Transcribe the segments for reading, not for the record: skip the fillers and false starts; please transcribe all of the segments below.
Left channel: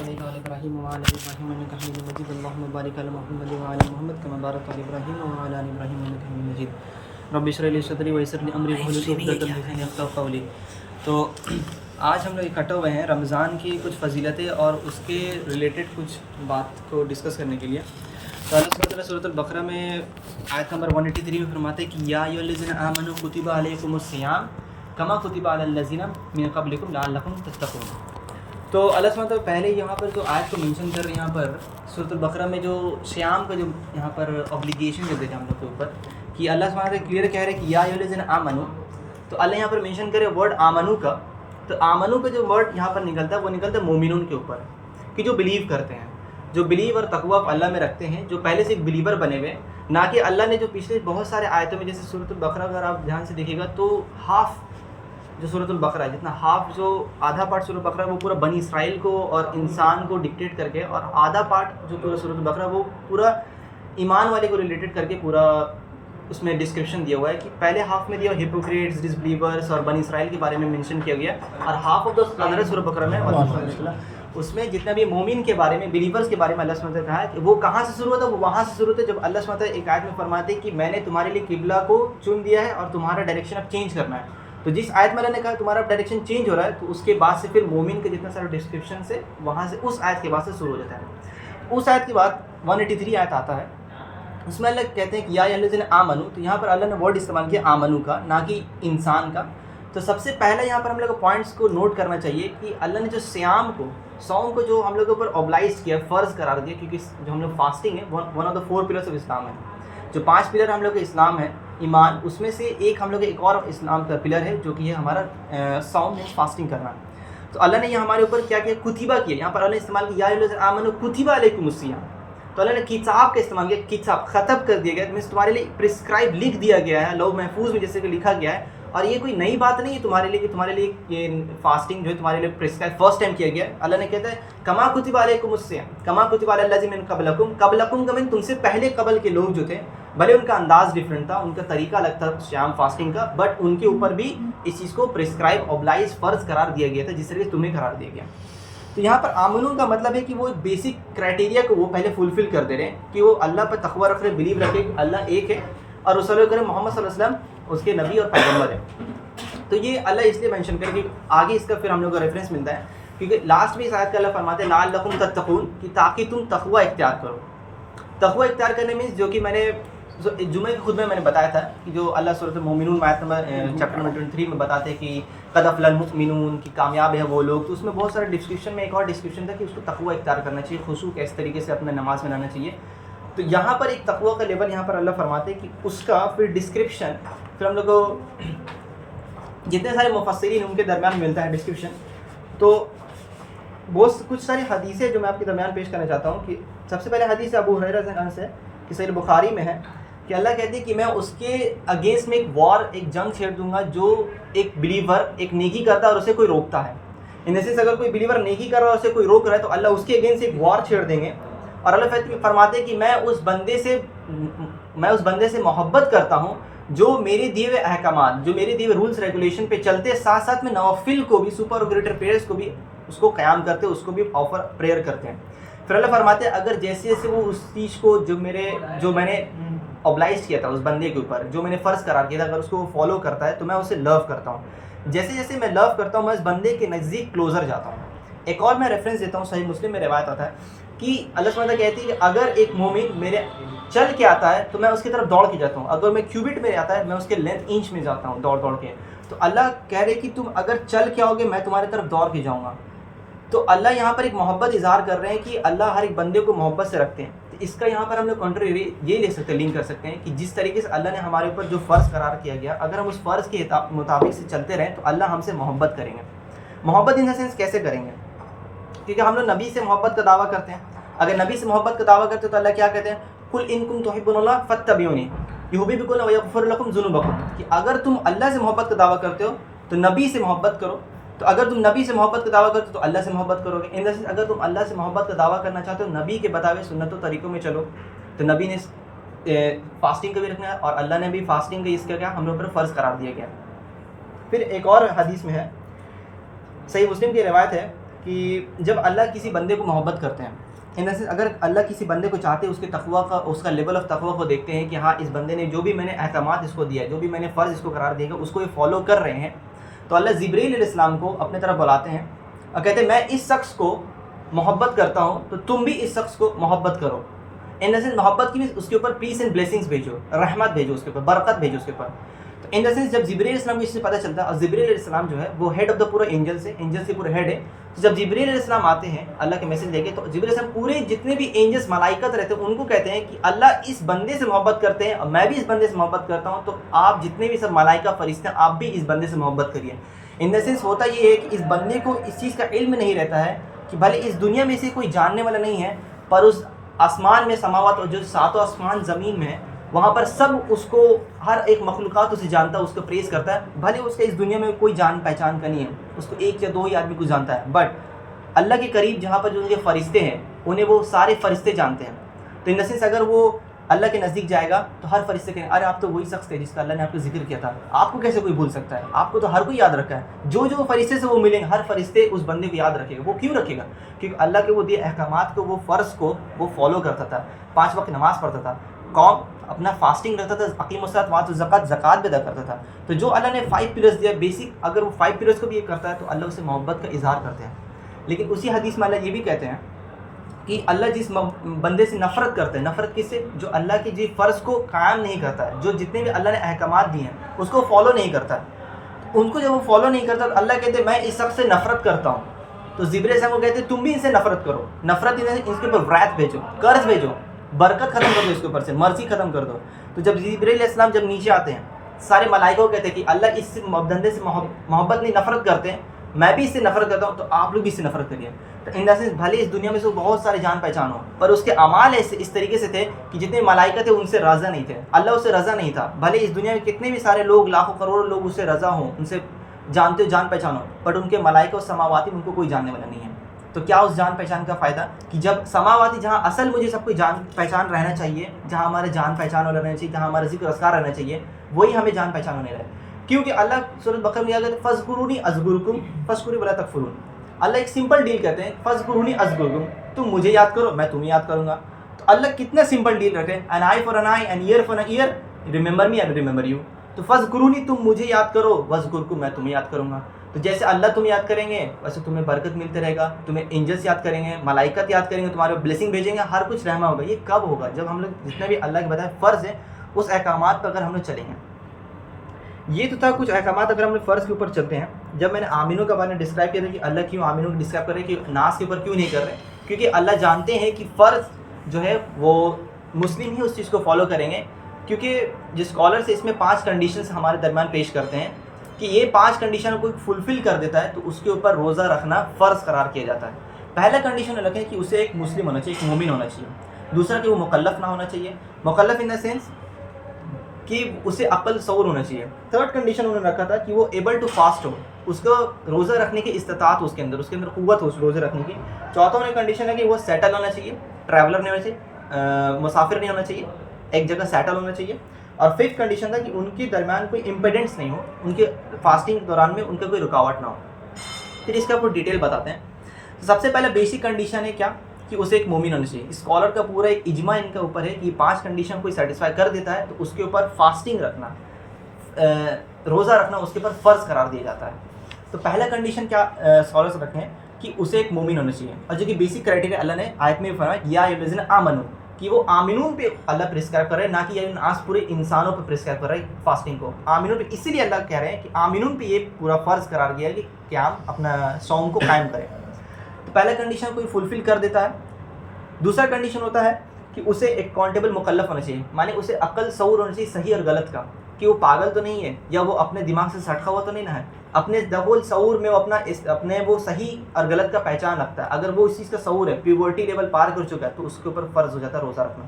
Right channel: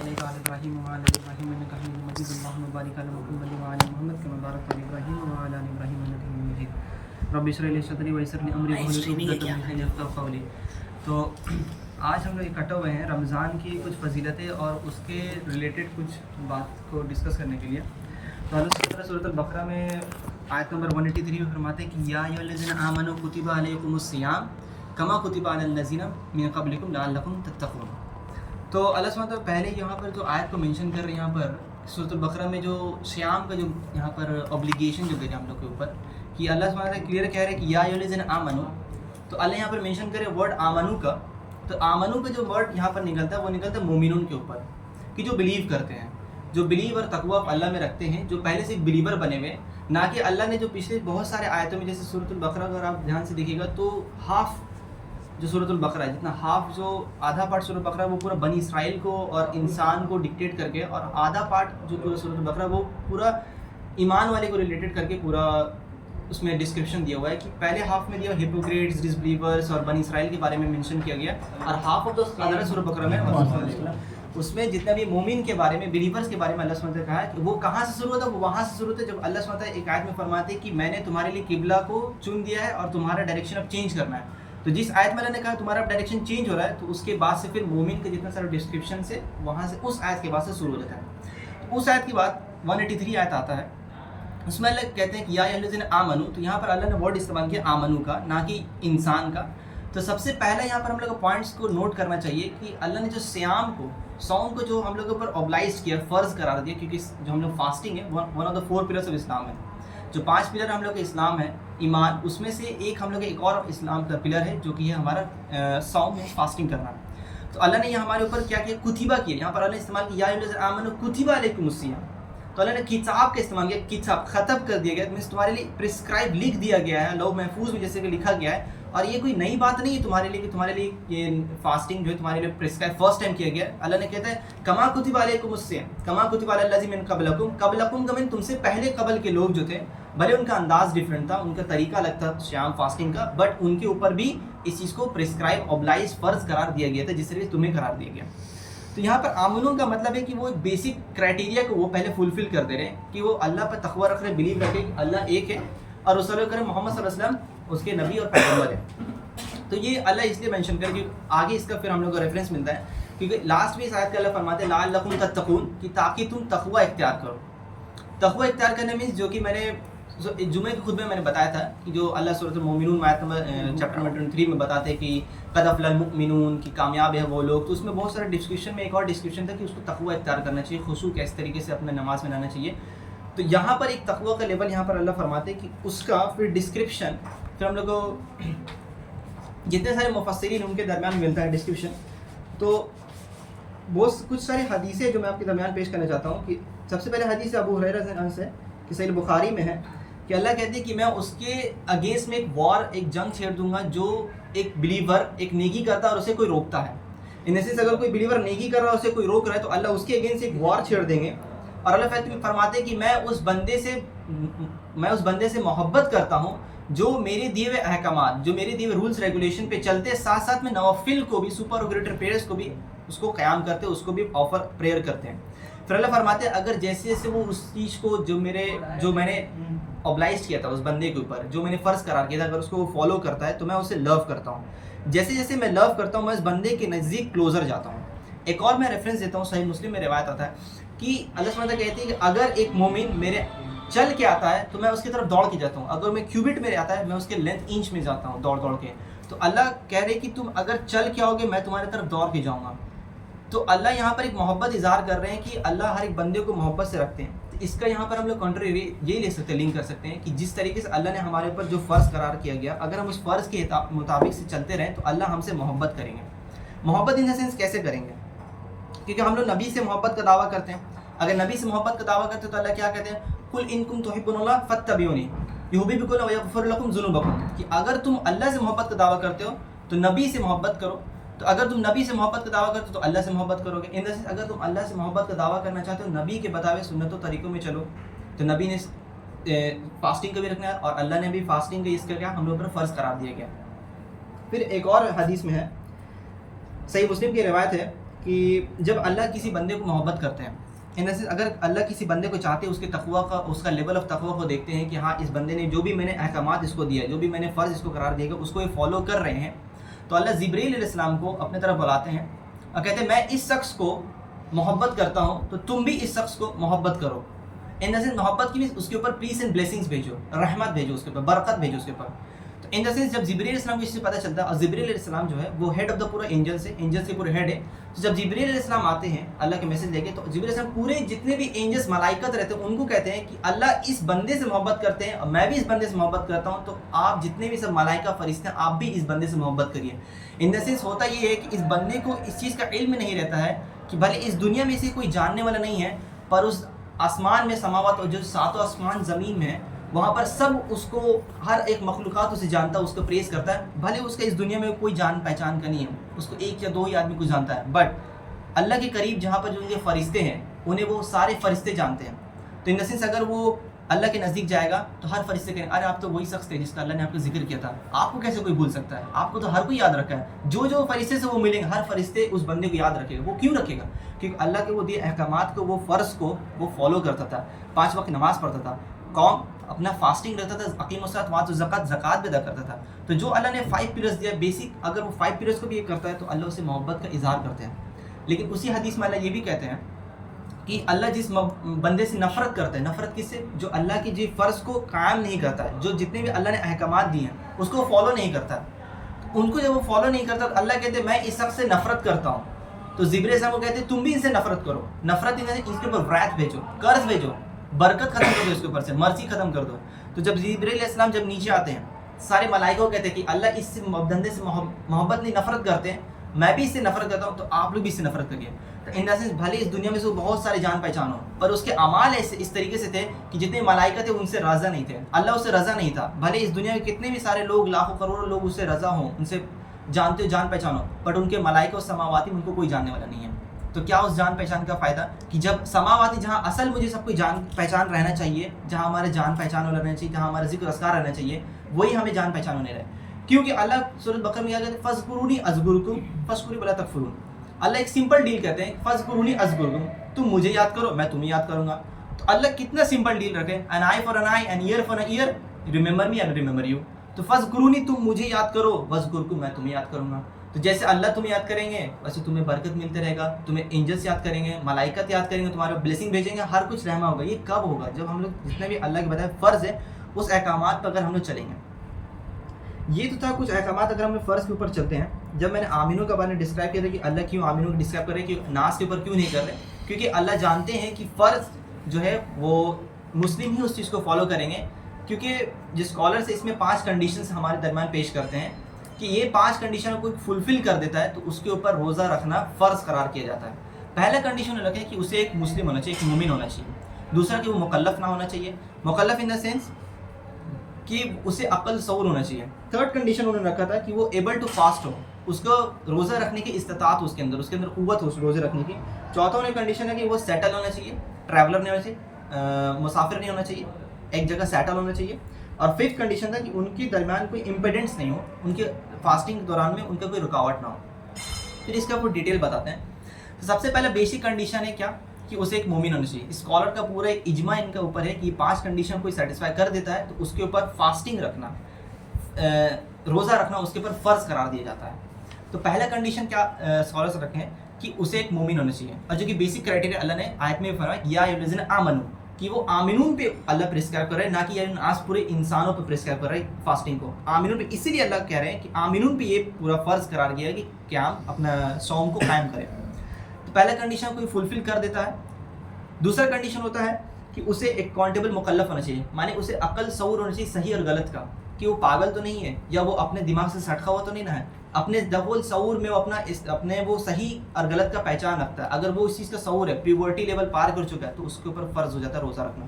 صليت على إبراهيم وعلى آل إبراهيم إنك حميد مجيد اللهم بارك على محمد وعلى آل محمد كما باركت على إبراهيم وعلى آل إبراهيم إنك حميد مجيد رب اشرح لي صدري ويسر لي أمري واحلل عقدة من لساني يفقهوا قولي. تو آج ہم لوگ اکٹھے ہوئے ہیں رمضان کی کچھ فضیلتیں اور اس کے ریلیٹڈ کچھ بات کو ڈسکس کرنے کے لیے. تو اللہ سبحانہ وتعالیٰ سورۃ البقرہ میں آیت نمبر 183 میں فرماتے ہیں کہ یا ایھا الذین آمنوا کتب علیکم الصیام کما کتب علی الذین من قبلکم لعلکم تتقون. تو اللہ سبحانہ وتعالیٰ پہلے یہاں پر جو آیت کو مینشن کر رہے ہیں یہاں پر سورۃ البقرہ میں جو سیام کا جو یہاں پر اوبلیگیشن جو دے رہے ہیں ہم لوگ کے اوپر کہ اللہ سبحانہ وتعالیٰ کلیئر کہہ رہے ہیں کہ یا ایھا الذین آمنوا. تو اللہ یہاں پر مینشن کرے ورڈ آمنو کا. تو آمنو کا جو ورڈ یہاں پر نکلتا ہے وہ نکلتا ہے مومنون کے اوپر کہ جو بلیو کرتے ہیں, جو بلیو اور تقوی اللہ میں رکھتے ہیں, جو پہلے سے ایک بلیور بنے ہوئے. نہ کہ اللہ نے جو پچھلے بہت سارے آیتوں میں جیسے سورۃ البقرہ اگر آپ دھیان سے دیکھیے گا تو ہاف جو سورۃ البقرہ ہے جتنا ہاف جو آدھا پارٹ سورۃ البقرہ ہے وہ پورا بنی اسرائیل کو اور انسان کو ڈکٹیٹ کر کے, اور آدھا پارٹ جو پورا سورۃ البقرہ وہ پورا ایمان والے کو ریلیٹڈ کر کے پورا اس میں ڈسکرپشن دیا ہوا ہے کہ پہلے ہاف میں دیا ہپوکریٹس, ڈس بلیورس اور بنی اسرائیل کے بارے میں مینشن کیا گیا, اور ہاف آف دا ادر سورۃ البقرہ میں اس میں جتنا بھی مومن کے بارے میں, بلیورس کے بارے میں اللہ سبحانہ وتعالیٰ نے کہا ہے کہ وہ کہاں سے شروع ہوتا ہے, وہ وہاں سے شروع ہوتا ہے جب اللہ سبحانہ وتعالیٰ ایک آیت میں فرماتے ہیں کہ میں نے تمہارے لیے قبلہ کو چن دیا ہے اور تمہارا ڈائریکشن اب چینج کرنا ہے. تو جس آیت میں اللہ نے کہا تمہارا ڈائریکشن چینج ہو رہا ہے تو اس کے بعد سے پھر مومن کے جتنا سارا ڈسکرپشن سے وہاں سے اس آیت کے بعد سے شروع ہو جاتا ہے. اس آیت کے بعد 183 آیت آتا ہے, اس میں اللہ کہتے ہیں کہ یا ایھا الذین آمنوا. تو یہاں پر اللہ نے ورڈ استعمال کیا آمنو کا, نہ کہ انسان کا. تو سب سے پہلے یہاں پر ہم لوگ کو پوائنٹس کو نوٹ کرنا چاہیے کہ اللہ نے جو سیام کو, سوم کو جو ہم لوگوں کے اوپر اوبلائز کیا, فرض قرار دیا, کیونکہ جو ہم لوگ فاسٹنگ ہے one of the 4 pillars of Islam ہے. جو 5 پلر ہم لوگ کا اسلام ہے ایمان, اس میں سے ایک ہم لوگ ایک اور اسلام کا پلر ہے جو کہ ہے ہمارا سوم ہے, فاسٹنگ کرنا. تو اللہ نے یہ ہمارے اوپر کیا کیا کتبہ کیا. یہاں پر اللہ نے استعمال کیا یا ایھا الذین آمنوا کتب علیکم الصیام. تو اللہ نے کتاب کا استعمال کیا, کتاب خطب کر دیا گیا, مینس تمہارے لیے پرسکرائب لکھ دیا گیا ہے لوح محفوظ میں جیسے کہ لکھا گیا ہے. اور یہ کوئی نئی بات نہیں ہے تمہارے لیے کہ تمہارے لیے یہ فاسٹنگ جو ہے تمہارے لیے پرسکرائب فرسٹ ٹائم کیا گیا. اللہ نے کہتا ہے کما کتب علیکم الصیام کما کتب علی الذین من قبلکم. قبلکم کا تم سے پہلے قبل کے لوگ جو تھے, بھلے ان کا انداز ڈفرینٹ تھا, ان کا طریقہ الگ تھا سیام فاسٹنگ کا, بٹ ان کے اوپر بھی اس چیز کو پرسکرائب اوبلائز فرض قرار دیا گیا تھا جس طرح تمہیں قرار دیا گیا. تو یہاں پر آمنون کا مطلب ہے کہ وہ بیسک کرائٹیریا کو وہ پہلے فلفل کر دے رہے ہیں کہ وہ اللہ پر تقوی رکھ رہے, بلیو رکھے کہ اللہ ایک ہے اور رسول کریم محمد صلی اللہ علیہ وسلم اس کے نبی اور پیغمبر ہے. تو یہ اللہ اس لیے مینشن کرے کہ آگے اس کا پھر ہم لوگ کو ریفرنس ملتا ہے, کیونکہ لاسٹ میں اس آیت کا اللہ فرماتے ہیں لعلکم تتقون, کہ تاکہ تم تقوی اختیار کرو. تقوی اختیار کرنے میں جو کہ میں نے جمعے کے خطبے میں نے بتایا تھا کہ جو اللہ سورۃ المؤمنون آیت نمبر چیپٹر نمبر 23 میں بتاتے ہیں کہ قد افلح المؤمنون کی کامیاب ہے وہ لوگ. تو اس میں بہت سارے ڈسکرپشن میں ایک اور ڈسکرپشن تھا کہ اس کو تقوی اختیار کرنا چاہیے, خشوع کس طریقے سے اپنے نماز میں لانا چاہیے. تو یہاں پر ایک تقوی کا لیول یہاں پر اللہ فرماتے ہیں کہ اس کا پھر ڈسکرپشن پھر ہم لوگ کو جتنے سارے مفسرین ان کے درمیان ملتا ہے ڈسکرپشن. تو بہت کچھ ساری حدیثیں جو میں آپ کے درمیان پیش کرنا چاہتا ہوں کہ سب سے پہلے حدیث ابو ہریرہ سے عنہ سے کہ صحیح بخاری میں ہے کہ اللہ کہتے ہیں کہ میں اس کے اگینسٹ میں ایک وار, ایک جنگ چھیڑ دوں گا جو ایک بلیور ایک نیکی کرتا ہے اور اسے کوئی روکتا ہے. ان دا سینس اگر کوئی بلیور نیکی کر رہا ہے اور اسے کوئی روک رہا ہے تو اللہ اس کے اگینسٹ ایک وار چھیڑ دیں گے. اور اللہ فرماتے ہیں کہ میں اس بندے سے محبت کرتا ہوں جو میرے دیے ہوئے احکامات, جو میرے دیے ہوئے رولس ریگولیشن پہ چلتے, ساتھ ساتھ میں نوافل کو بھی, سپرروگیٹر پریئرس کو بھی اس کو قیام کرتے, اس کو بھی آفر پریئر کرتے ہیں. پھر اللہ فرماتے ہیں اگر جیسے جیسے وہ اس چیز کو جو میں نے اوبلائز کیا تھا اس بندے کے اوپر, جو میں نے فرض قرار کیا تھا, اگر اس کو فالو کرتا ہے تو میں اسے لو کرتا ہوں. جیسے جیسے میں لو کرتا ہوں میں اس بندے کے نزدیک کلوزر جاتا ہوں. ایک اور میں ریفرنس دیتا ہوں, صحیح مسلم میں روایت آتا ہے کہ اللہ سبحانہ کہتی ہے کہ اگر ایک مومن میرے چل کے آتا ہے تو میں اس کی طرف دوڑ کے جاتا ہوں, اگر میں کیوبٹ میں آتا ہے میں اس کے لینتھ انچ میں جاتا ہوں دوڑ کے. تو اللہ کہہ رہے کہ تم اگر چل کے آؤ گے میں تمہاری طرف دوڑ کے جاؤں گا. تو اللہ یہاں پر ایک محبت اظہار کر رہے ہیں کہ اللہ ہر ایک بندے کو محبت سے رکھتے ہیں. تو اس کا یہاں پر ہم لوگ کنٹری یہ لے سکتے ہیں, لنک کر سکتے ہیں کہ جس طریقے سے اللہ نے ہمارے اوپر جو فرض قرار کیا گیا, اگر ہم اس فرض کے مطابق سے چلتے رہیں تو اللہ ہم سے محبت کریں گے. محبت ان دا سینس کیسے کریں گے, کیونکہ ہم لوگ نبی سے محبت کا دعویٰ کرتے ہیں. اگر نبی سے محبت کا دعویٰ کرتے ہیں تو اللہ کیا کہتے ہیں, قل ان کنتم تحبون اللہ فاتبعونی یحببکم ویغفر لکم ذنوبکم, کہ اگر تم اللہ سے محبت کا دعویٰ کرتے ہو تو نبی سے محبت کرو. تو اگر تم نبی سے محبت کا دعویٰ کرتے ہو تو اللہ سے محبت کرو گے. ان دا سینس اگر تم اللہ سے محبت کا دعویٰ کرنا چاہتے ہو نبی کے بتائے سنت و طریقوں میں چلو. تو نبی نے فاسٹنگ کا بھی رکھنا ہے اور اللہ نے بھی فاسٹنگ کا اس کا کیا ہم لوگ پر فرض قرار دیا گیا. پھر ایک اور حدیث میں ہے, صحیح مسلم کی روایت ہے کہ جب اللہ کسی بندے کو محبت کرتے ہیں، ان دا سینس اگر اللہ کسی بندے کو چاہتے ہیں، اس کے تقویٰ کا، اس کا لیول آف تقویٰ کو دیکھتے ہیں کہ ہاں اس بندے نے جو بھی میں نے احکامات اس کو دیا ہے، جو بھی میں نے فرض اس کو قرار دیا ہے، اس کو یہ فالو کر رہے ہیں، تو اللہ جبرائیل علیہ السلام کو اپنے طرف بلاتے ہیں اور کہتے ہیں میں اس شخص کو محبت کرتا ہوں تو تم بھی اس شخص کو محبت کرو. ان دا سینس محبت کی بھی اس کے اوپر پیس اینڈ بلیسنگس بھیجو، رحمت بھیجو اس کے اوپر، برکت بھیجو اس کے اوپر. تو ان دا سینس جب جبرائیل علیہ السلام کو اس سے پتہ چلتا ہے، اور جبرائیل علیہ السلام جو ہے وہ ہیڈ آف دا پورا اینجلس ہے، اینجلس کے پورے ہیڈ ہے. تو جب جبرائیل علیہ السلام آتے ہیں اللہ کے میسج لے کے، تو جبرائیل علیہ السلام پورے جتنے بھی اینجلس ملائکت رہتے ہیں ان کو کہتے ہیں کہ اللہ اس بندے سے محبت کرتے ہیں اور میں بھی اس بندے سے محبت کرتا ہوں، تو آپ جتنے بھی سب ملائکہ فرشتے ہیں آپ بھی اس بندے سے محبت کریے. ان دا سینس ہوتا یہ ہے کہ اس بندے کو اس چیز کا علم نہیں رہتا ہے کہ بھلے اس دنیا میں سے کوئی جاننے والا نہیں ہے، پر اس آسمان میں سماوات اور جو ساتوں آسمان زمین میں ہے وہاں پر سب اس کو، ہر ایک مخلوقات اسے جانتا ہے، اس کو پریز کرتا ہے. بھلے اس کا اس دنیا میں کوئی جان پہچان کا نہیں ہے، اس کو ایک یا دو ہی آدمی کو جانتا ہے، بٹ اللہ کے قریب جہاں پر جو ان کے فرشتے ہیں انہیں وہ سارے فرشتے جانتے ہیں. تو ان دا سینس اگر وہ اللہ کے نزدیک جائے گا تو ہر فرشتے کہیں ارے آپ تو وہی شخص تھے جس کا اللہ نے آپ کو ذکر کیا تھا، آپ کو کیسے کوئی بھول سکتا ہے، آپ کو تو ہر کوئی یاد رکھا ہے. جو جو فرشتے سے وہ ملیں ہر فرشتے اس بندے کو یاد رکھے گا. وہ کیوں رکھے گا؟ کیونکہ اللہ کے وہ دیے احکامات کو، وہ فرض کو وہ فالو کرتا تھا، 5 وقت نماز پڑھتا تھا، قوم اپنا فاسٹنگ رکھتا تھا، اقیم الصلاۃ وآتوا الزکوٰۃ، زکوٰۃ بھی ادا کرتا تھا. تو جو اللہ نے 5 پیلرز دیا بیسک، اگر وہ 5 پیلرز کو بھی یہ کرتا ہے تو اللہ اسے محبت کا اظہار کرتے ہیں. لیکن اسی حدیث میں اللہ یہ بھی کہتے ہیں کہ اللہ جس بندے سے نفرت کرتا ہے، نفرت کس سے؟ جو اللہ کے جی فرض کو قائم نہیں کرتا ہے، جو جتنے بھی اللہ نے احکامات دیے ہیں اس کو فالو نہیں کرتا ہے. ان کو جب وہ فالو نہیں کرتا تو اللہ کہتے ہیں میں اس شخص سے نفرت کرتا ہوں. تو جبرائیل صاحب کو کہتے ہیں تم بھی ان سے نفرت کرو. نفرت ان کے اوپر wrath بھیجو، قرض بھیجو، برکت ختم کر دو اس کے اوپر سے، مرضی ختم کر دو. تو جب جبرائیل علیہ السلام جب نیچے آتے ہیں، سارے ملائکہ کو کہتے ہیں کہ اللہ اس سے بندے سے محبت نہیں، نفرت کرتے ہیں، میں بھی اس سے نفرت کرتا ہوں تو آپ لوگ بھی اس سے نفرت کریے. تو ان دا سینس بھلے اس دنیا میں سے بہت سارے جان پہچان ہو، پر اس کے اعمال ایسے اس طریقے سے تھے کہ جتنے ملائکہ تھے ان سے رضا نہیں تھے، اللہ اس سے رضا نہیں تھا. بھلے اس دنیا میں کتنے بھی سارے لوگ، لاکھوں کروڑوں لوگ اس سے رضا ہوں، ان سے جانتے جان پہچان ہو، بٹ ان کے ملائکہ اور سماواتی ان کو کوئی جاننے والا نہیں ہے. تو کیا اس جان پہچان کا فائدہ کہ جب سماواتی جہاں اصل مجھے سب کو جان پہچان رہنا چاہیے، جہاں ہمارا جان پہچان والا رہنا چاہیے، جہاں ہمارا ذکر اذکار رہنا چاہیے، وہی ہمیں جان پہچان ہونے رہے. کیونکہ اللہ سورۃ بقرہ میں کہتے ہیں فاذکرونی اذکرکم فاشکروا ولا تکفرون. اللہ ایک سمپل ڈیل کہتے ہیں فاذکرونی اذکرکم، تم مجھے یاد کرو میں تمہیں یاد کروں گا. تو اللہ کتنا سمپل ڈیل رکھے، an eye for an eye, an ear for an ear, remember me and remember you. تو فاذکرونی تم مجھے یاد کرو، واذکرکم میں تمہیں یاد کروں گا. تو جیسے اللہ تمہیں یاد کریں گے ویسے تمہیں برکت ملتے رہے گا، تمہیں اینجلس یاد کریں گے، ملائکت یاد کریں گے، تمہارے بلیسنگ بھیجیں گے، ہر کچھ رحمہ ہوگا. یہ کب ہوگا؟ جب ہم لوگ جتنے بھی اللہ کے بتائے فرض ہے اس احکامات پر اگر ہم لوگ چلیں گے. یہ تو تھا کچھ احکامات اگر ہم لوگ فرض کے اوپر چلتے ہیں. جب میں نے آمینوں کا بارے میں ڈسکرائب کیا تھا کہ اللہ کیوں آمینوں کو ڈسکرائب کر رہے ہیں کہ ناس کے اوپر کیوں نہیں کر رہے، کیونکہ اللہ جانتے ہیں کہ فرض جو ہے وہ مسلم ہی اس چیز کو فالو کریں گے. کیونکہ جو اسکالرس اس میں 5 کنڈیشنز ہمارے درمیان پیش کرتے ہیں کہ یہ 5 کنڈیشن کو فلفل کر دیتا ہے تو اس کے اوپر روزہ رکھنا فرض قرار کیا جاتا ہے. پہلا کنڈیشن رکھیں کہ اسے ایک مسلم ہونا چاہیے، ایک مومن ہونا چاہیے. دوسرا کہ وہ مکلف نہ ہونا چاہیے، مکلف ان دا سینس کہ اسے عقل شعور ہونا چاہیے. تھرڈ کنڈیشن انہوں نے رکھا تھا کہ وہ ایبل ٹو فاسٹ ہو، اس کو روزہ رکھنے کی استطاعت ہو، اس کے اندر قوت ہو روزہ رکھنے کی. چوتھا انہیں کنڈیشن ہے کہ وہ سیٹل ہونا چاہیے، ٹریولر نہیں ہونا چاہیے، مسافر نہیں ہونا چاہیے، ایک جگہ سیٹل ہونا چاہیے. اور 5th کنڈیشن تھا کہ ان کے درمیان کوئی امپیڈنس نہیں ہو، ان کے فاسٹنگ کے دوران میں ان کا کوئی رکاوٹ نہ ہو. پھر اس کا کوئی ڈیٹیل بتاتے ہیں. سب سے پہلے بیسک کنڈیشن ہے کیا کہ اسے ایک مومن ہونا چاہیے. اسکالر کا پورا ایک اجماع ان کے اوپر ہے کہ یہ 5 کنڈیشن کوئی سیٹسفائی کر دیتا ہے تو اس کے اوپر فاسٹنگ رکھنا، روزہ رکھنا اس کے اوپر فرض قرار دیا جاتا ہے. تو پہلا کنڈیشن کیا اسکالر سے رکھیں کہ اسے ایک مومن ہونا چاہیے. اور جو کہ بیسک کرائٹیریا اللہ نے آیت میں بھی فرمایا یا ایھا الذین آمنوا، کہ وہ آمنون پہ اللہ پرسکرائب کر رہے ہیں، نہ کہ آج پورے انسانوں پہ پرسکرائب کر رہے ہیں فاسٹنگ کو. آمنون پہ اسی لیے اللہ کہہ رہے ہیں کہ آمنون پہ یہ پورا فرض قرار گیا ہے کہ قیام اپنا صوم کو قائم کریں. تو پہلا کنڈیشن کوئی فلفل کر دیتا ہے. دوسرا کنڈیشن ہوتا ہے کہ اسے ایک اکاؤنٹیبل مکلف ہونا چاہیے، مانے اسے عقل شعور ہونا چاہیے صحیح اور غلط کا، کہ وہ پاگل تو نہیں ہے یا وہ اپنے دماغ سے سٹکا ہوا تو نہیں نہ ہے، اپنے دبول شعور میں وہ اپنے وہ صحیح اور غلط کا پہچان رکھتا ہے. اگر وہ اس چیز کا شعور ہے، پیورٹی لیول پار کر چکا ہے تو اس کے اوپر فرض ہو جاتا ہے روزہ رکھنا.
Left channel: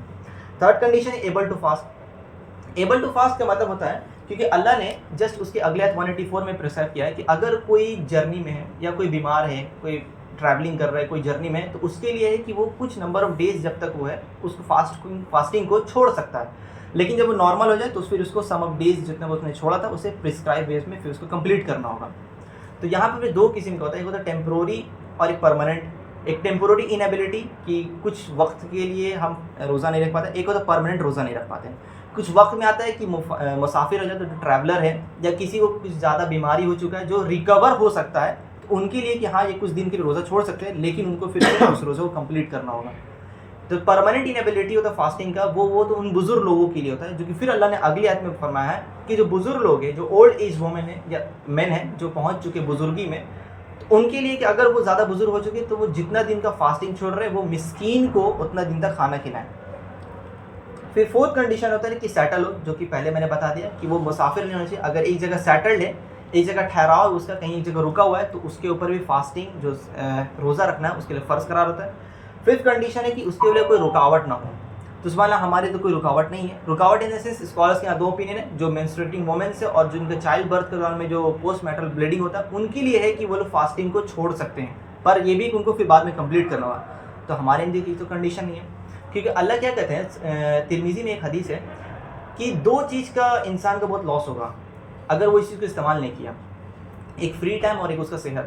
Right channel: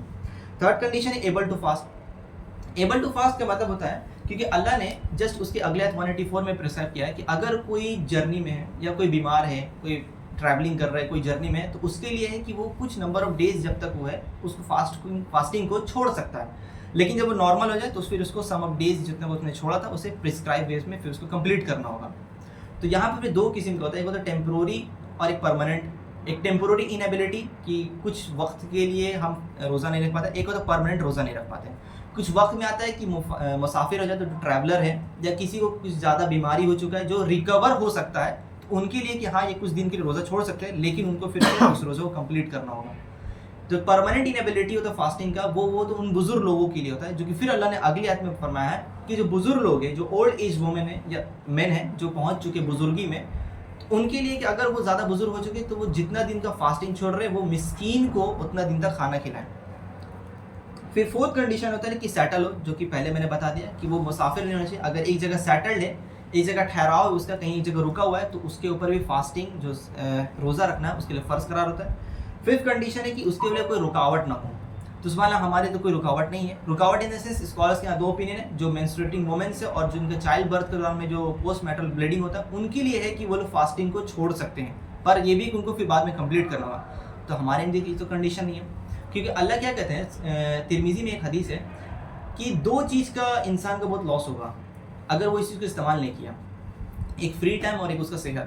تھرڈ کنڈیشن ہے able to fast. Able to fast کا مطلب ہوتا ہے کیونکہ اللہ نے جسٹ اس کے اگلے آیت 184 میں پرسکرائب کیا ہے کہ اگر کوئی جرنی میں ہے یا کوئی بیمار ہے، کوئی ٹریولنگ کر رہا ہے، کوئی جرنی میں ہے، تو اس کے لیے ہے کہ وہ کچھ نمبر آف ڈیز جب تک وہ ہے اس کو فاسٹنگ کو چھوڑ سکتا ہے. لیکن جب وہ نارمل ہو جائے تو پھر اس کو سم آف ڈیز جتنے وہ اس نے چھوڑا تھا اسے پرسکرائب ویز میں پھر اس کو کمپلیٹ کرنا ہوگا. تو یہاں پہ 2 قسم کا ہوتا ہے، ایک ہوتا ہے ٹیمپروری اور ایک پرماننٹ. ایک ٹیمپورری انیبلٹی کہ کچھ وقت کے لیے ہم روزہ نہیں رکھ پاتے, ایک ہوتا ہے پرماننٹ روزہ نہیں رکھ پاتے. کچھ وقت میں آتا ہے کہ مسافر ہو جائے تو جو ٹریولر ہے یا کسی کو کچھ زیادہ بیماری ہو چکا ہے جو ریکور ہو سکتا ہے, تو ان کے لیے کہ ہاں یہ کچھ دن کے لیے روزہ چھوڑ سکتے ہیں, لیکن ان کو پھر اس روزہ کو کمپلیٹ کرنا ہوگا. تو پرماننٹ انیبلٹی ہوتا ہے فاسٹنگ کا, وہ تو ان بزرگ لوگوں کے لیے ہوتا ہے, جو کہ پھر اللہ نے اگلی آیت میں فرمایا ہے کہ جو بزرگ لوگ ہیں, جو اولڈ ایج وومن ہیں یا مین ہیں جو پہنچ چکے بزرگی میں, تو ان کے لیے کہ اگر وہ زیادہ بزرگ ہو چکے تو وہ جتنا دن کا فاسٹنگ چھوڑ رہے وہ مسکین کو اتنا دن تک کھانا کھلائیں. پھر فورتھ کنڈیشن ہوتا ہے کہ سیٹل ہو, جو کہ پہلے میں نے بتا دیا کہ وہ مسافر نہیں ہونا چاہیے. اگر ایک جگہ سیٹلڈ ہے, ایک جگہ ٹھہراؤ اس کا, کہیں ایک جگہ رکا ہوا ہے, تو اس کے اوپر بھی فاسٹنگ جو روزہ رکھنا ہے اس کے لیے فرض قرار ہوتا ہے. ففتھ کنڈیشن ہے کہ اس کے لیے کوئی رکاوٹ نہ ہو. تو سبحان اللہ ہمارے تو کوئی رکاوٹ نہیں ہے. رکاوٹ ان دا سینس اسکالرس کے یہاں دو اوپینین ہے, جو مینسٹریٹنگ وومنس ہے اور جن کا چائلڈ برتھ کے دوران میں جو پوسٹ میٹرل بلیڈنگ ہوتا ہے ان کے لیے ہے کہ وہ لوگ فاسٹنگ کو چھوڑ سکتے ہیں, پر یہ بھی کہ ان کو پھر بعد میں کمپلیٹ کرنا ہوگا. تو ہمارے اندر کی تو کنڈیشن نہیں ہے, کیونکہ اللہ کیا کہتے ہیں, ترمذی میں ایک حدیث ہے کہ دو چیز کا انسان کا بہت لاس ہوگا اگر وہ اس چیز کو استعمال نہیں کیا, ایک فری ٹائم اور ایک اس کا صحت.